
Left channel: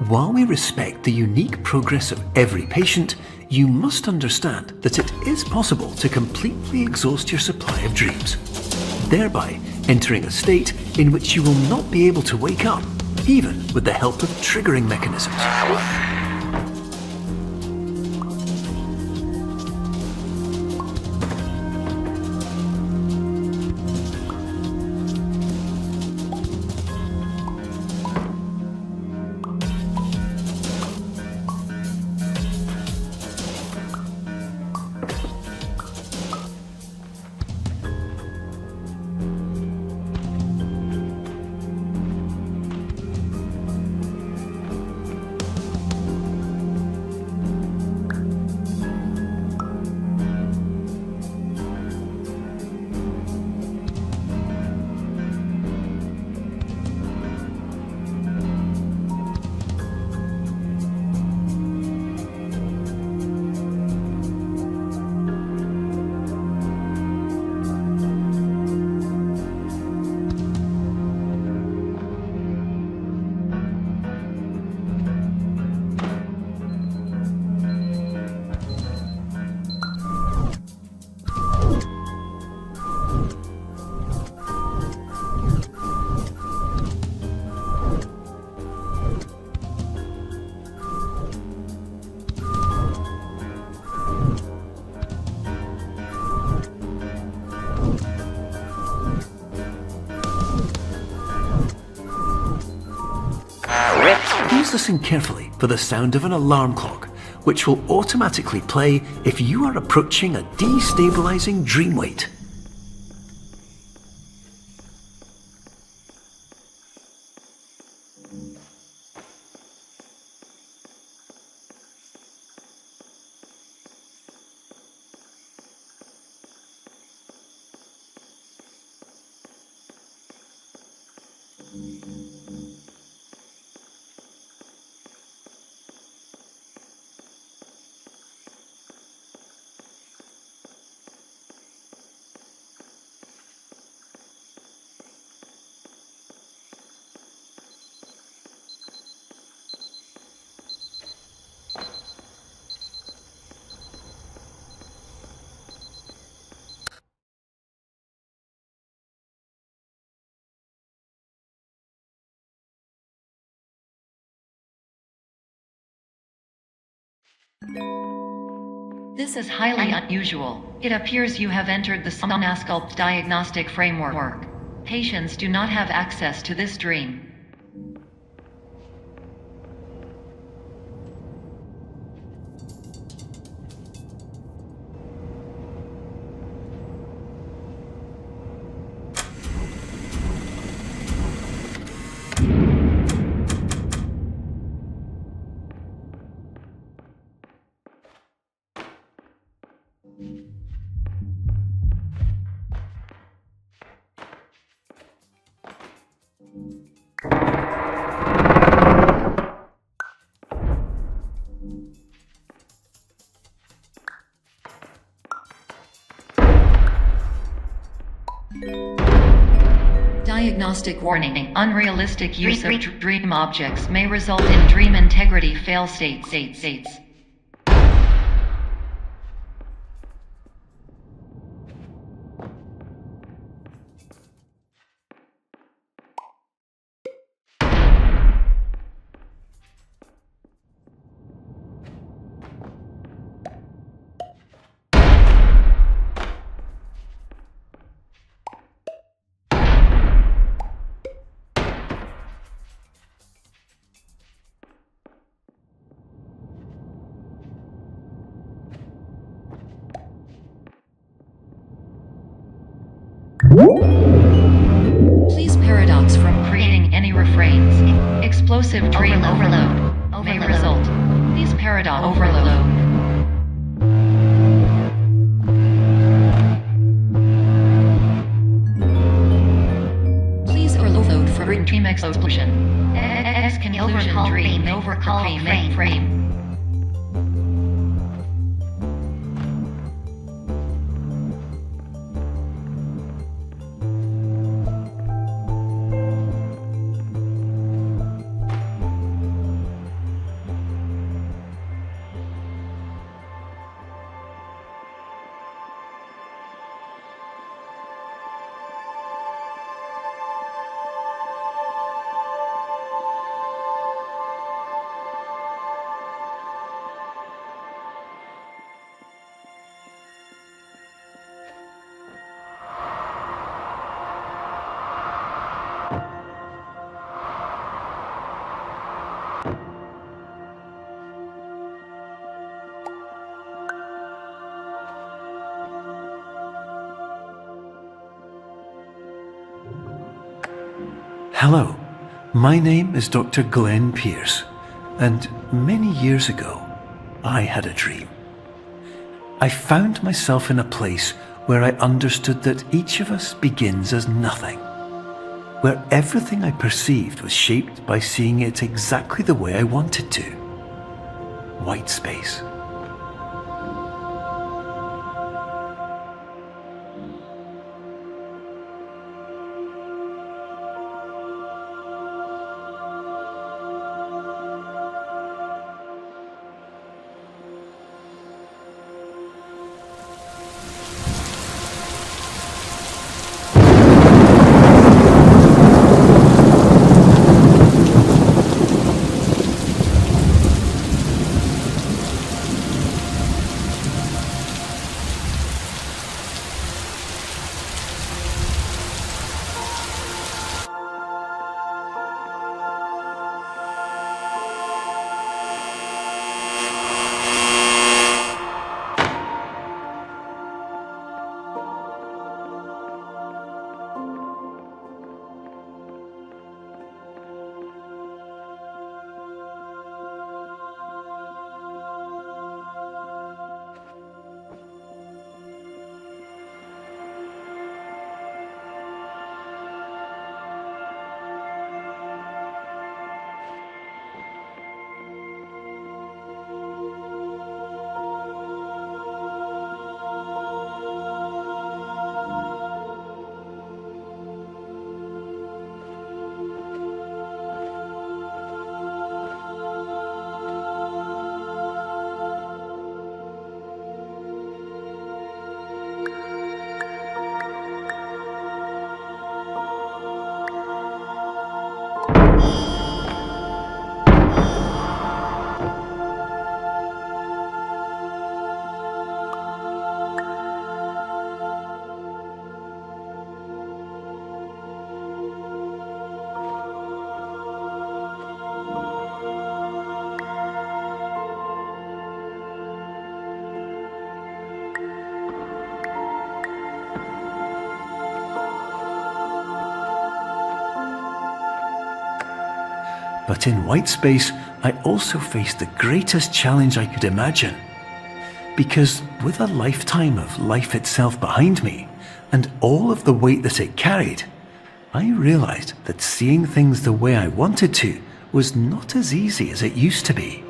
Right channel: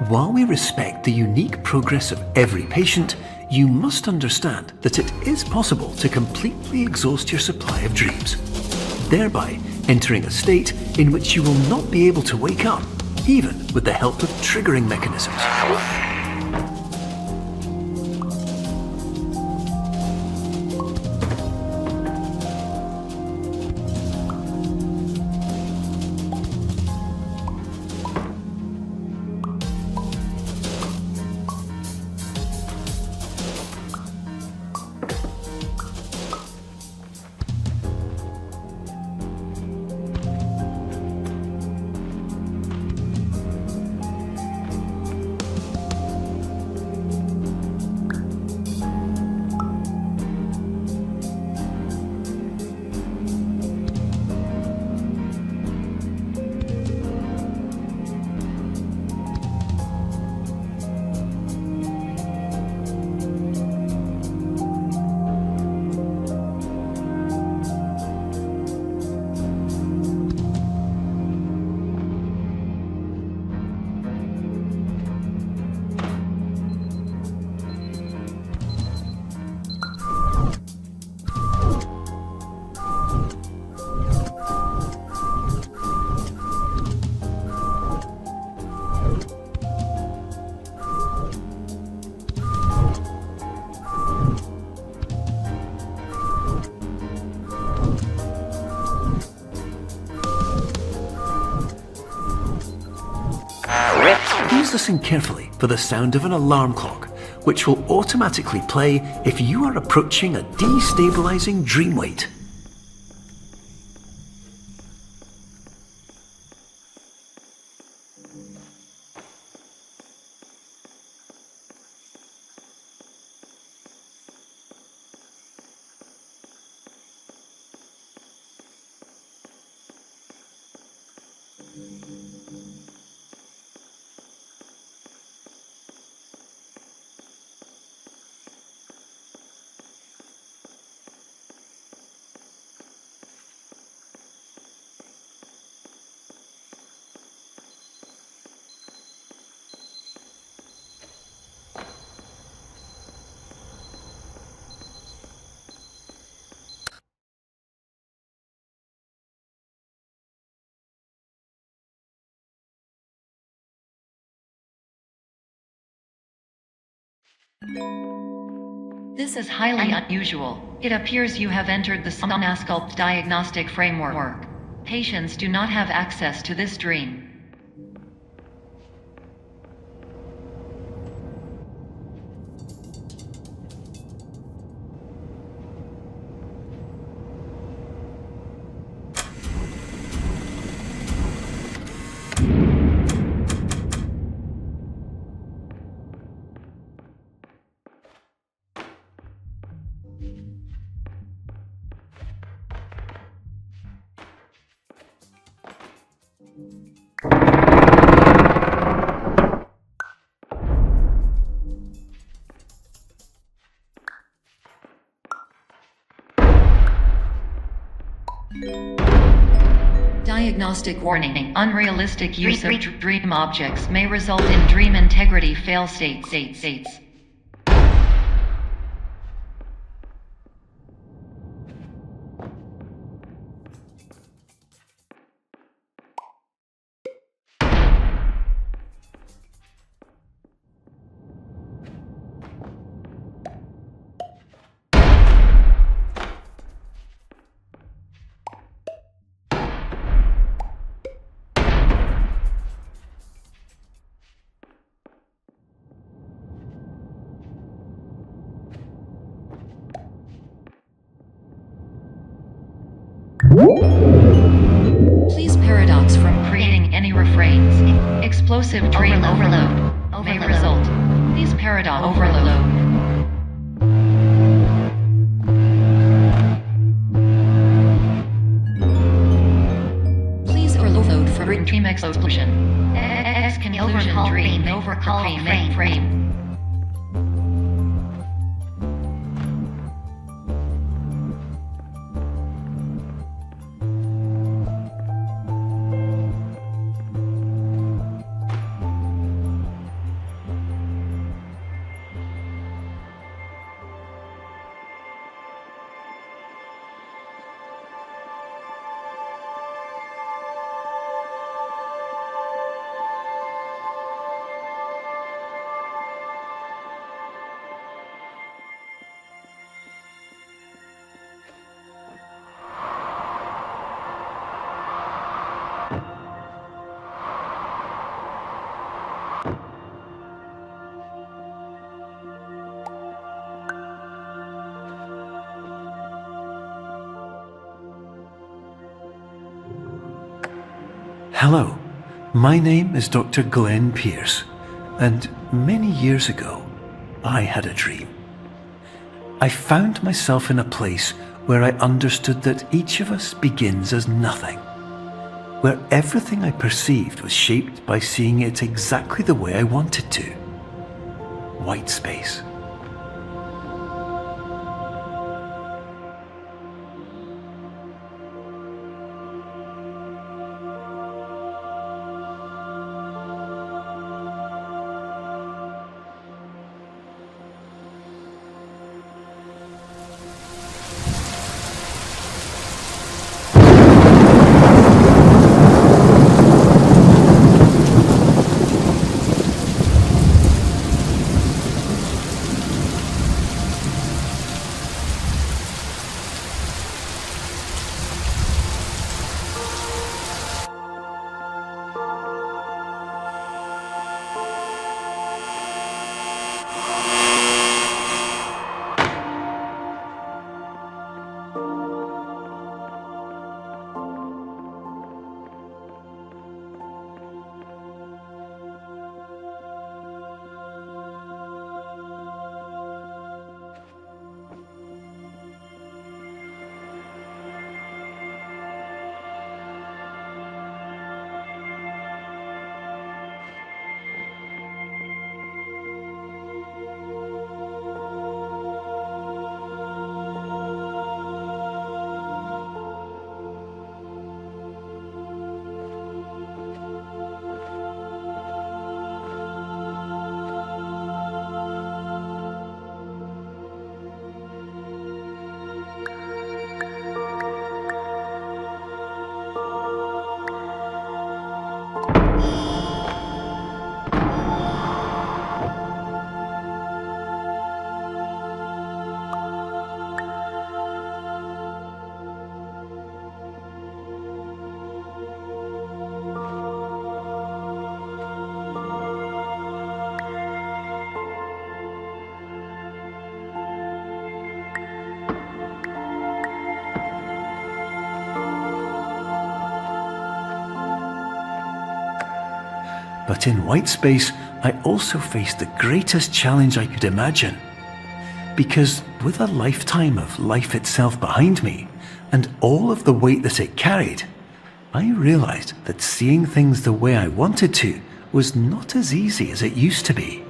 while we respect the unique progress of every patient, you must understand that it is possible to completely exhaust your supply of dreams, thereby entering a state in which you will not be able to wake up, even with the help of triggering mechanisms. Please listen carefully for the sound of an alarm clock, which will automatically play if you are approaching a destabilizing dream weight. This is highly unusual. It appears you have entered the Somnasculpt diagnostic framework. Patients do not have access to this dream. Diagnostic warning. Unrealistic use of dream objects may result in dream integrity fail states. Please paradox from creating any refrains. Explosive dream overload may result. Please paradox overload. Please overload for dream explosion. Conclusion dream overcall frame. Hello, my name is Dr. Glenn Pierce, and many years ago, I had a dream. I found myself in a place where I understood that each of us begins as nothing, where everything I perceived was shaped by seeing it exactly the way I wanted to. White space. But in white space, I also faced the greatest challenge I could imagine. Because with a lifetime of life itself behind me, and all of the weight that it carried, I realized that seeing things the way I wanted to was not as easy as it used to be.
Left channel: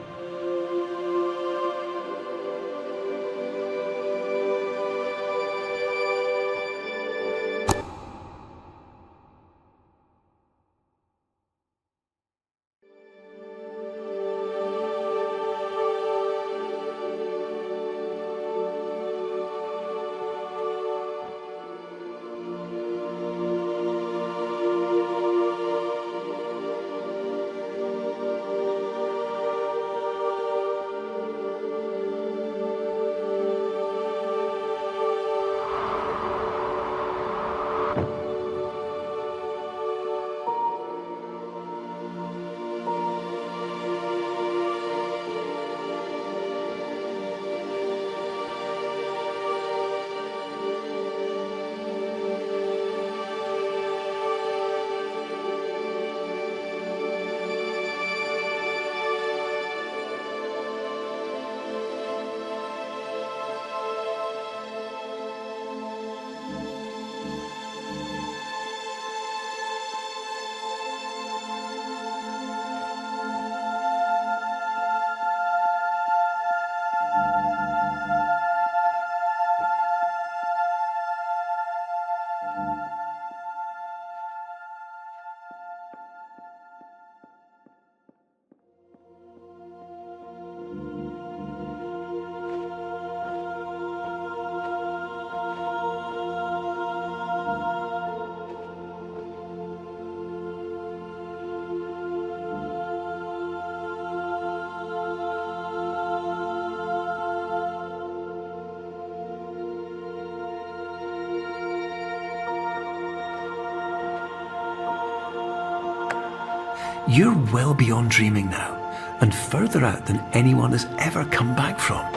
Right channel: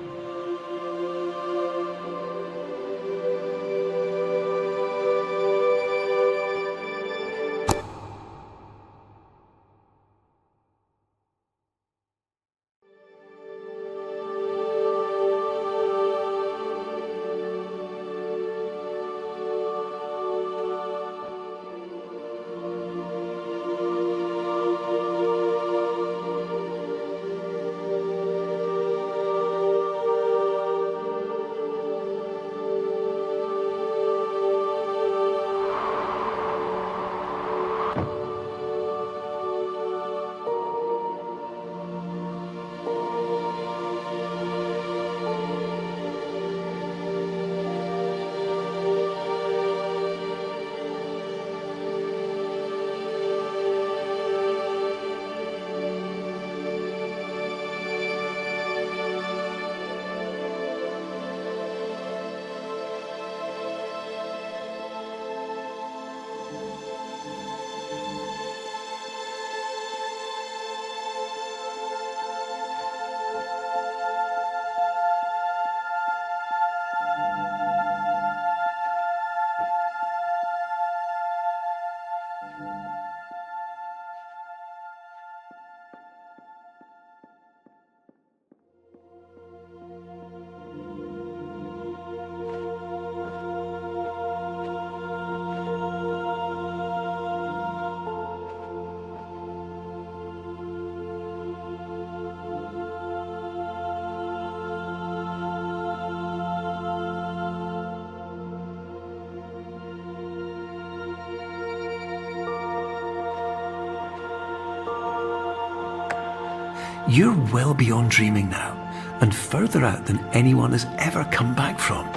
You're well beyond dreaming now, and further out than anyone has ever come back from.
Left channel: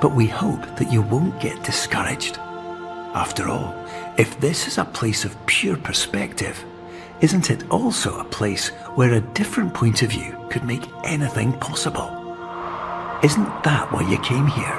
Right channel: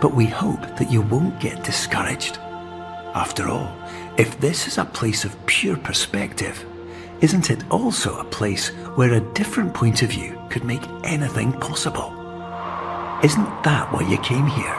But we hope that you won't get discouraged. After all, if this is a place of pure perspective, isn't it also a place where a different point of view could make anything possible? Isn't that why you came here?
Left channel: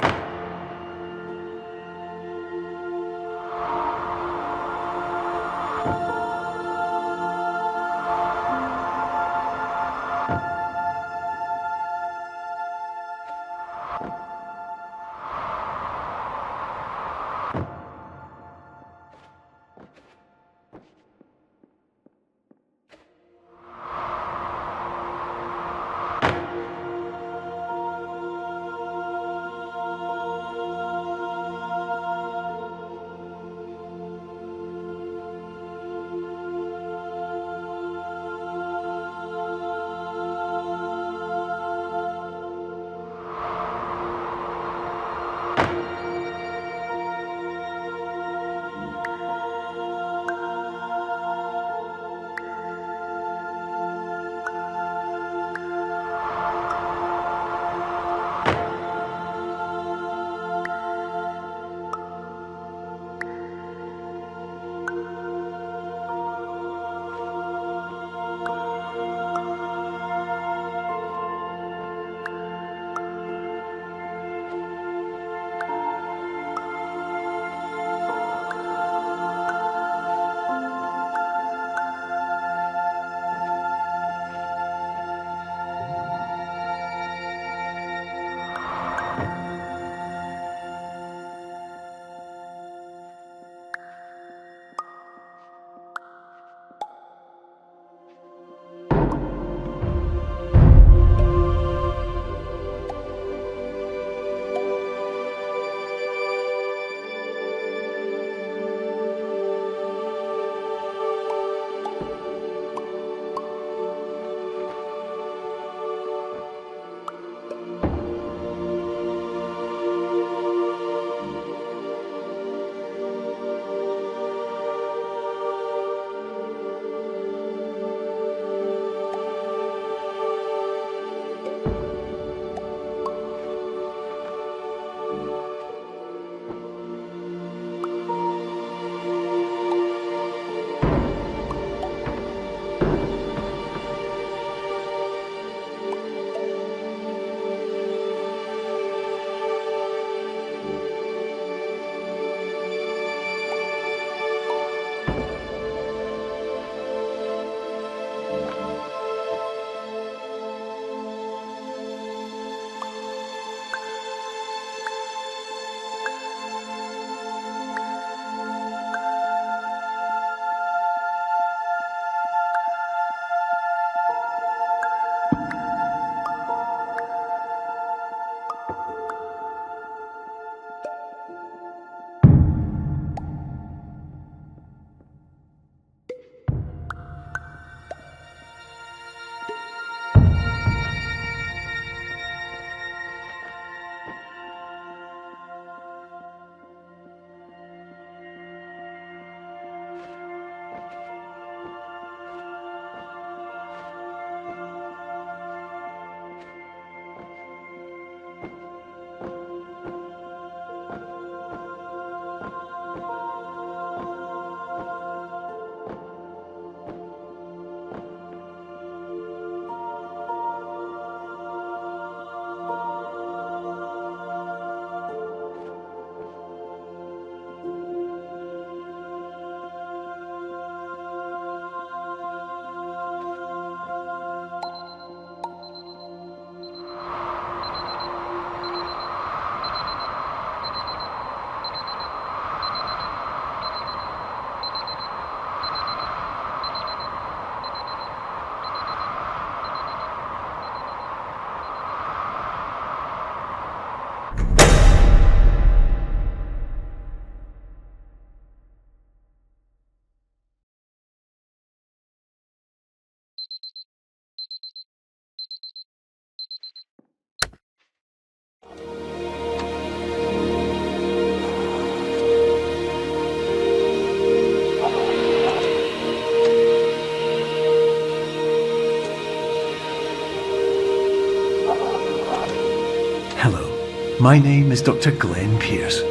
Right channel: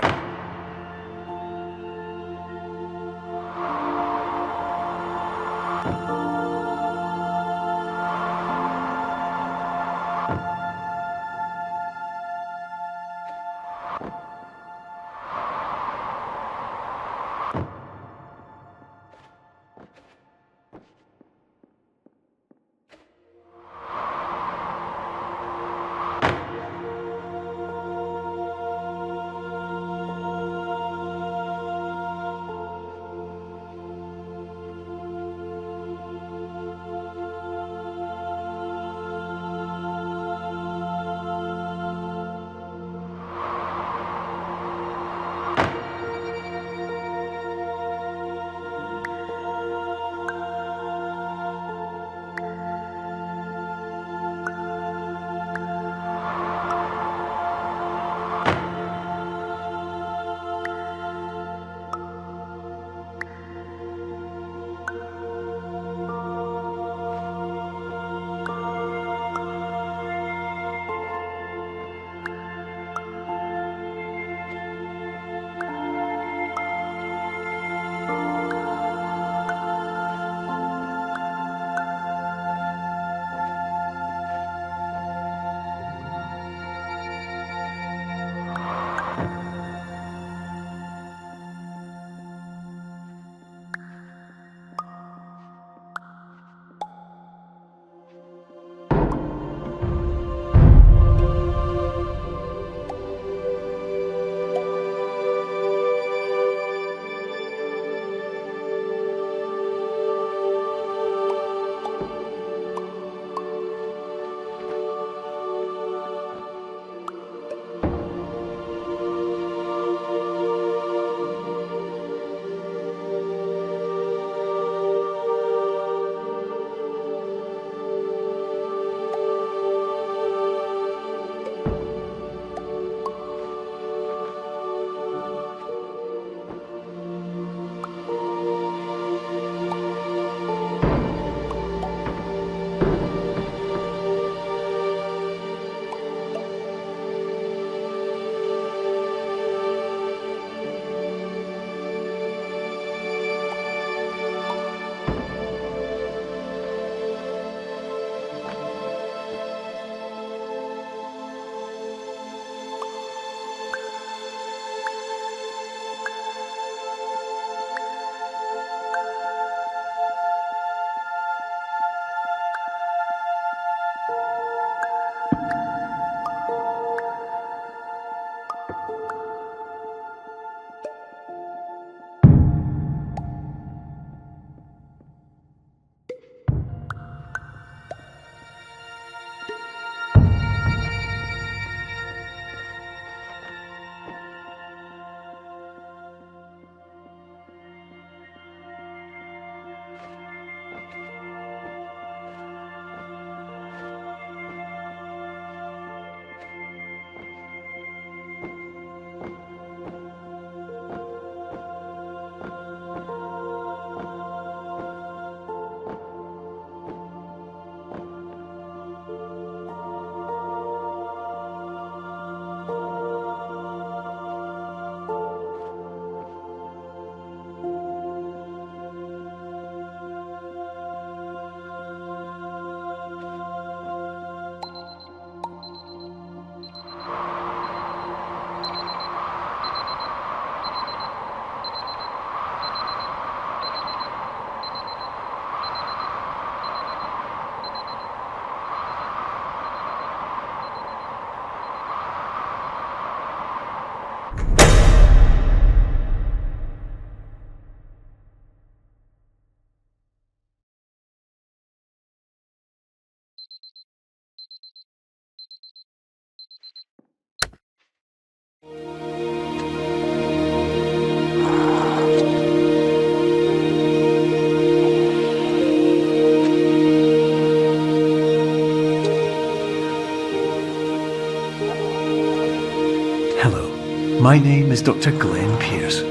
My name is Dr. Glenn Pierce,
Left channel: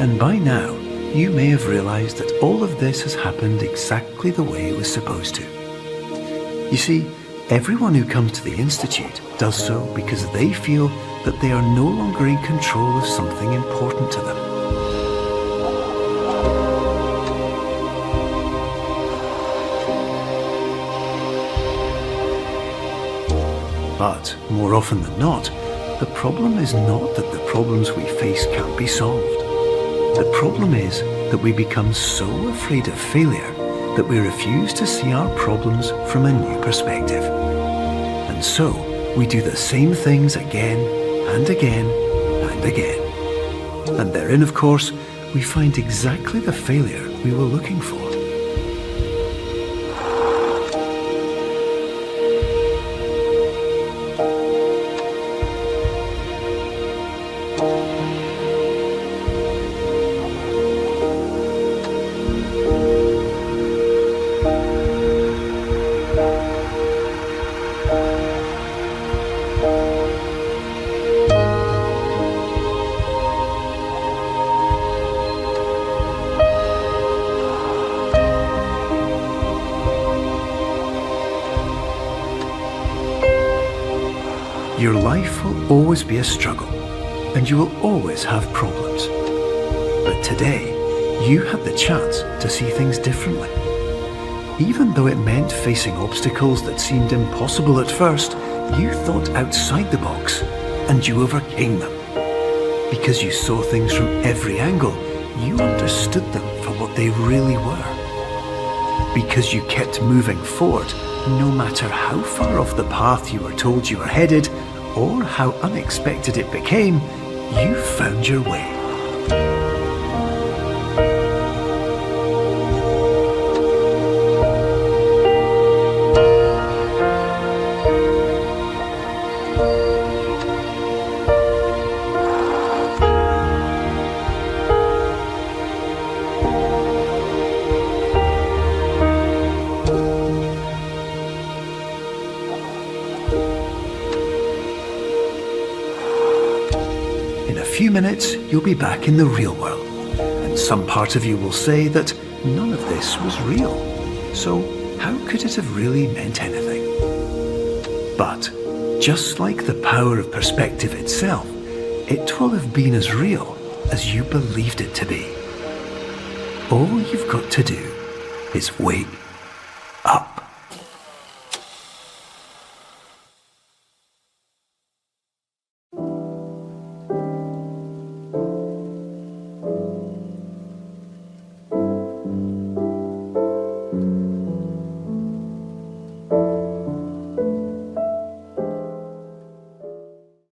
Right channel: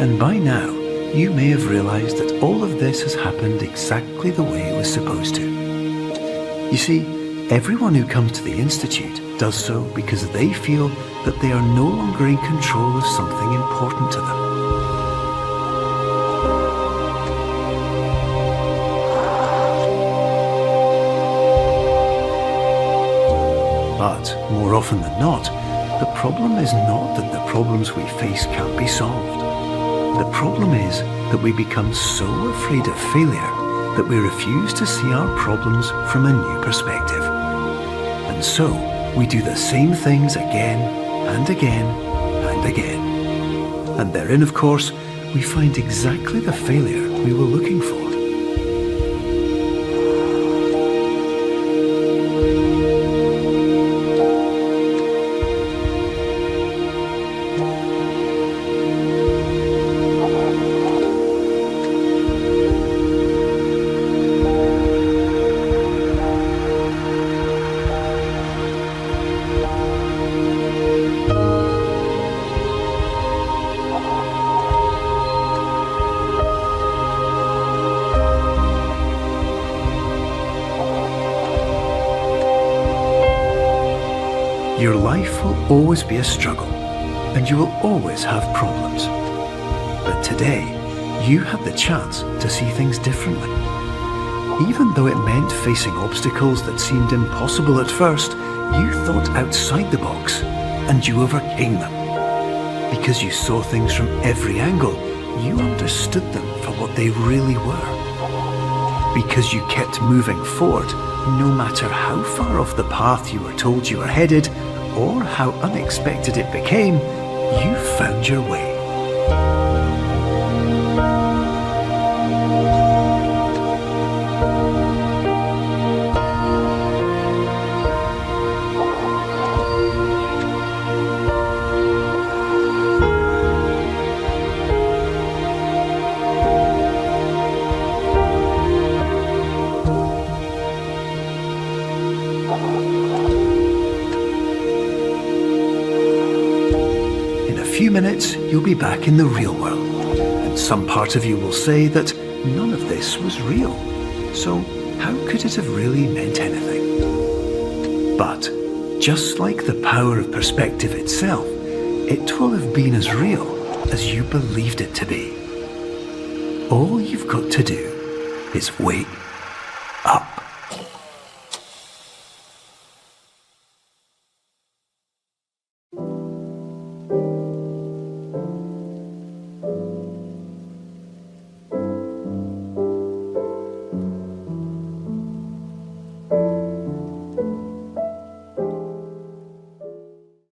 and by now you may have realised that all of this has happened exactly the way it was supposed to. You see, everyone who comes to the Institute does so because they feel that they are no longer in control of something important to them. But more often than not, the problem is not that the problems we face can't be solved. The problem is that we become so afraid of failure that we refuse to see our problems from a new perspective. And so, we do the same things again and again and again. And therein, of course, we find exactly the failure we were looking for. Your life will always be a struggle, and you will always have problems. But today, you had the chance to see things differently. Even though it meant facing obstacles that seemed impossible at first, you thought outside the box, and you overcame them. Because you saw things from every angle, you understood them for what they really were. Because you kept moving forward, no matter how far off the path you were told you were headed, or how unexpected it became, you found your way. In a few minutes, you'll be back in the real world, and some part of you will say that none of this was real. So how could it have really meant anything? But just like the power of perspective itself, it will have been as real as you believed it to be. All you've got to do is wake up.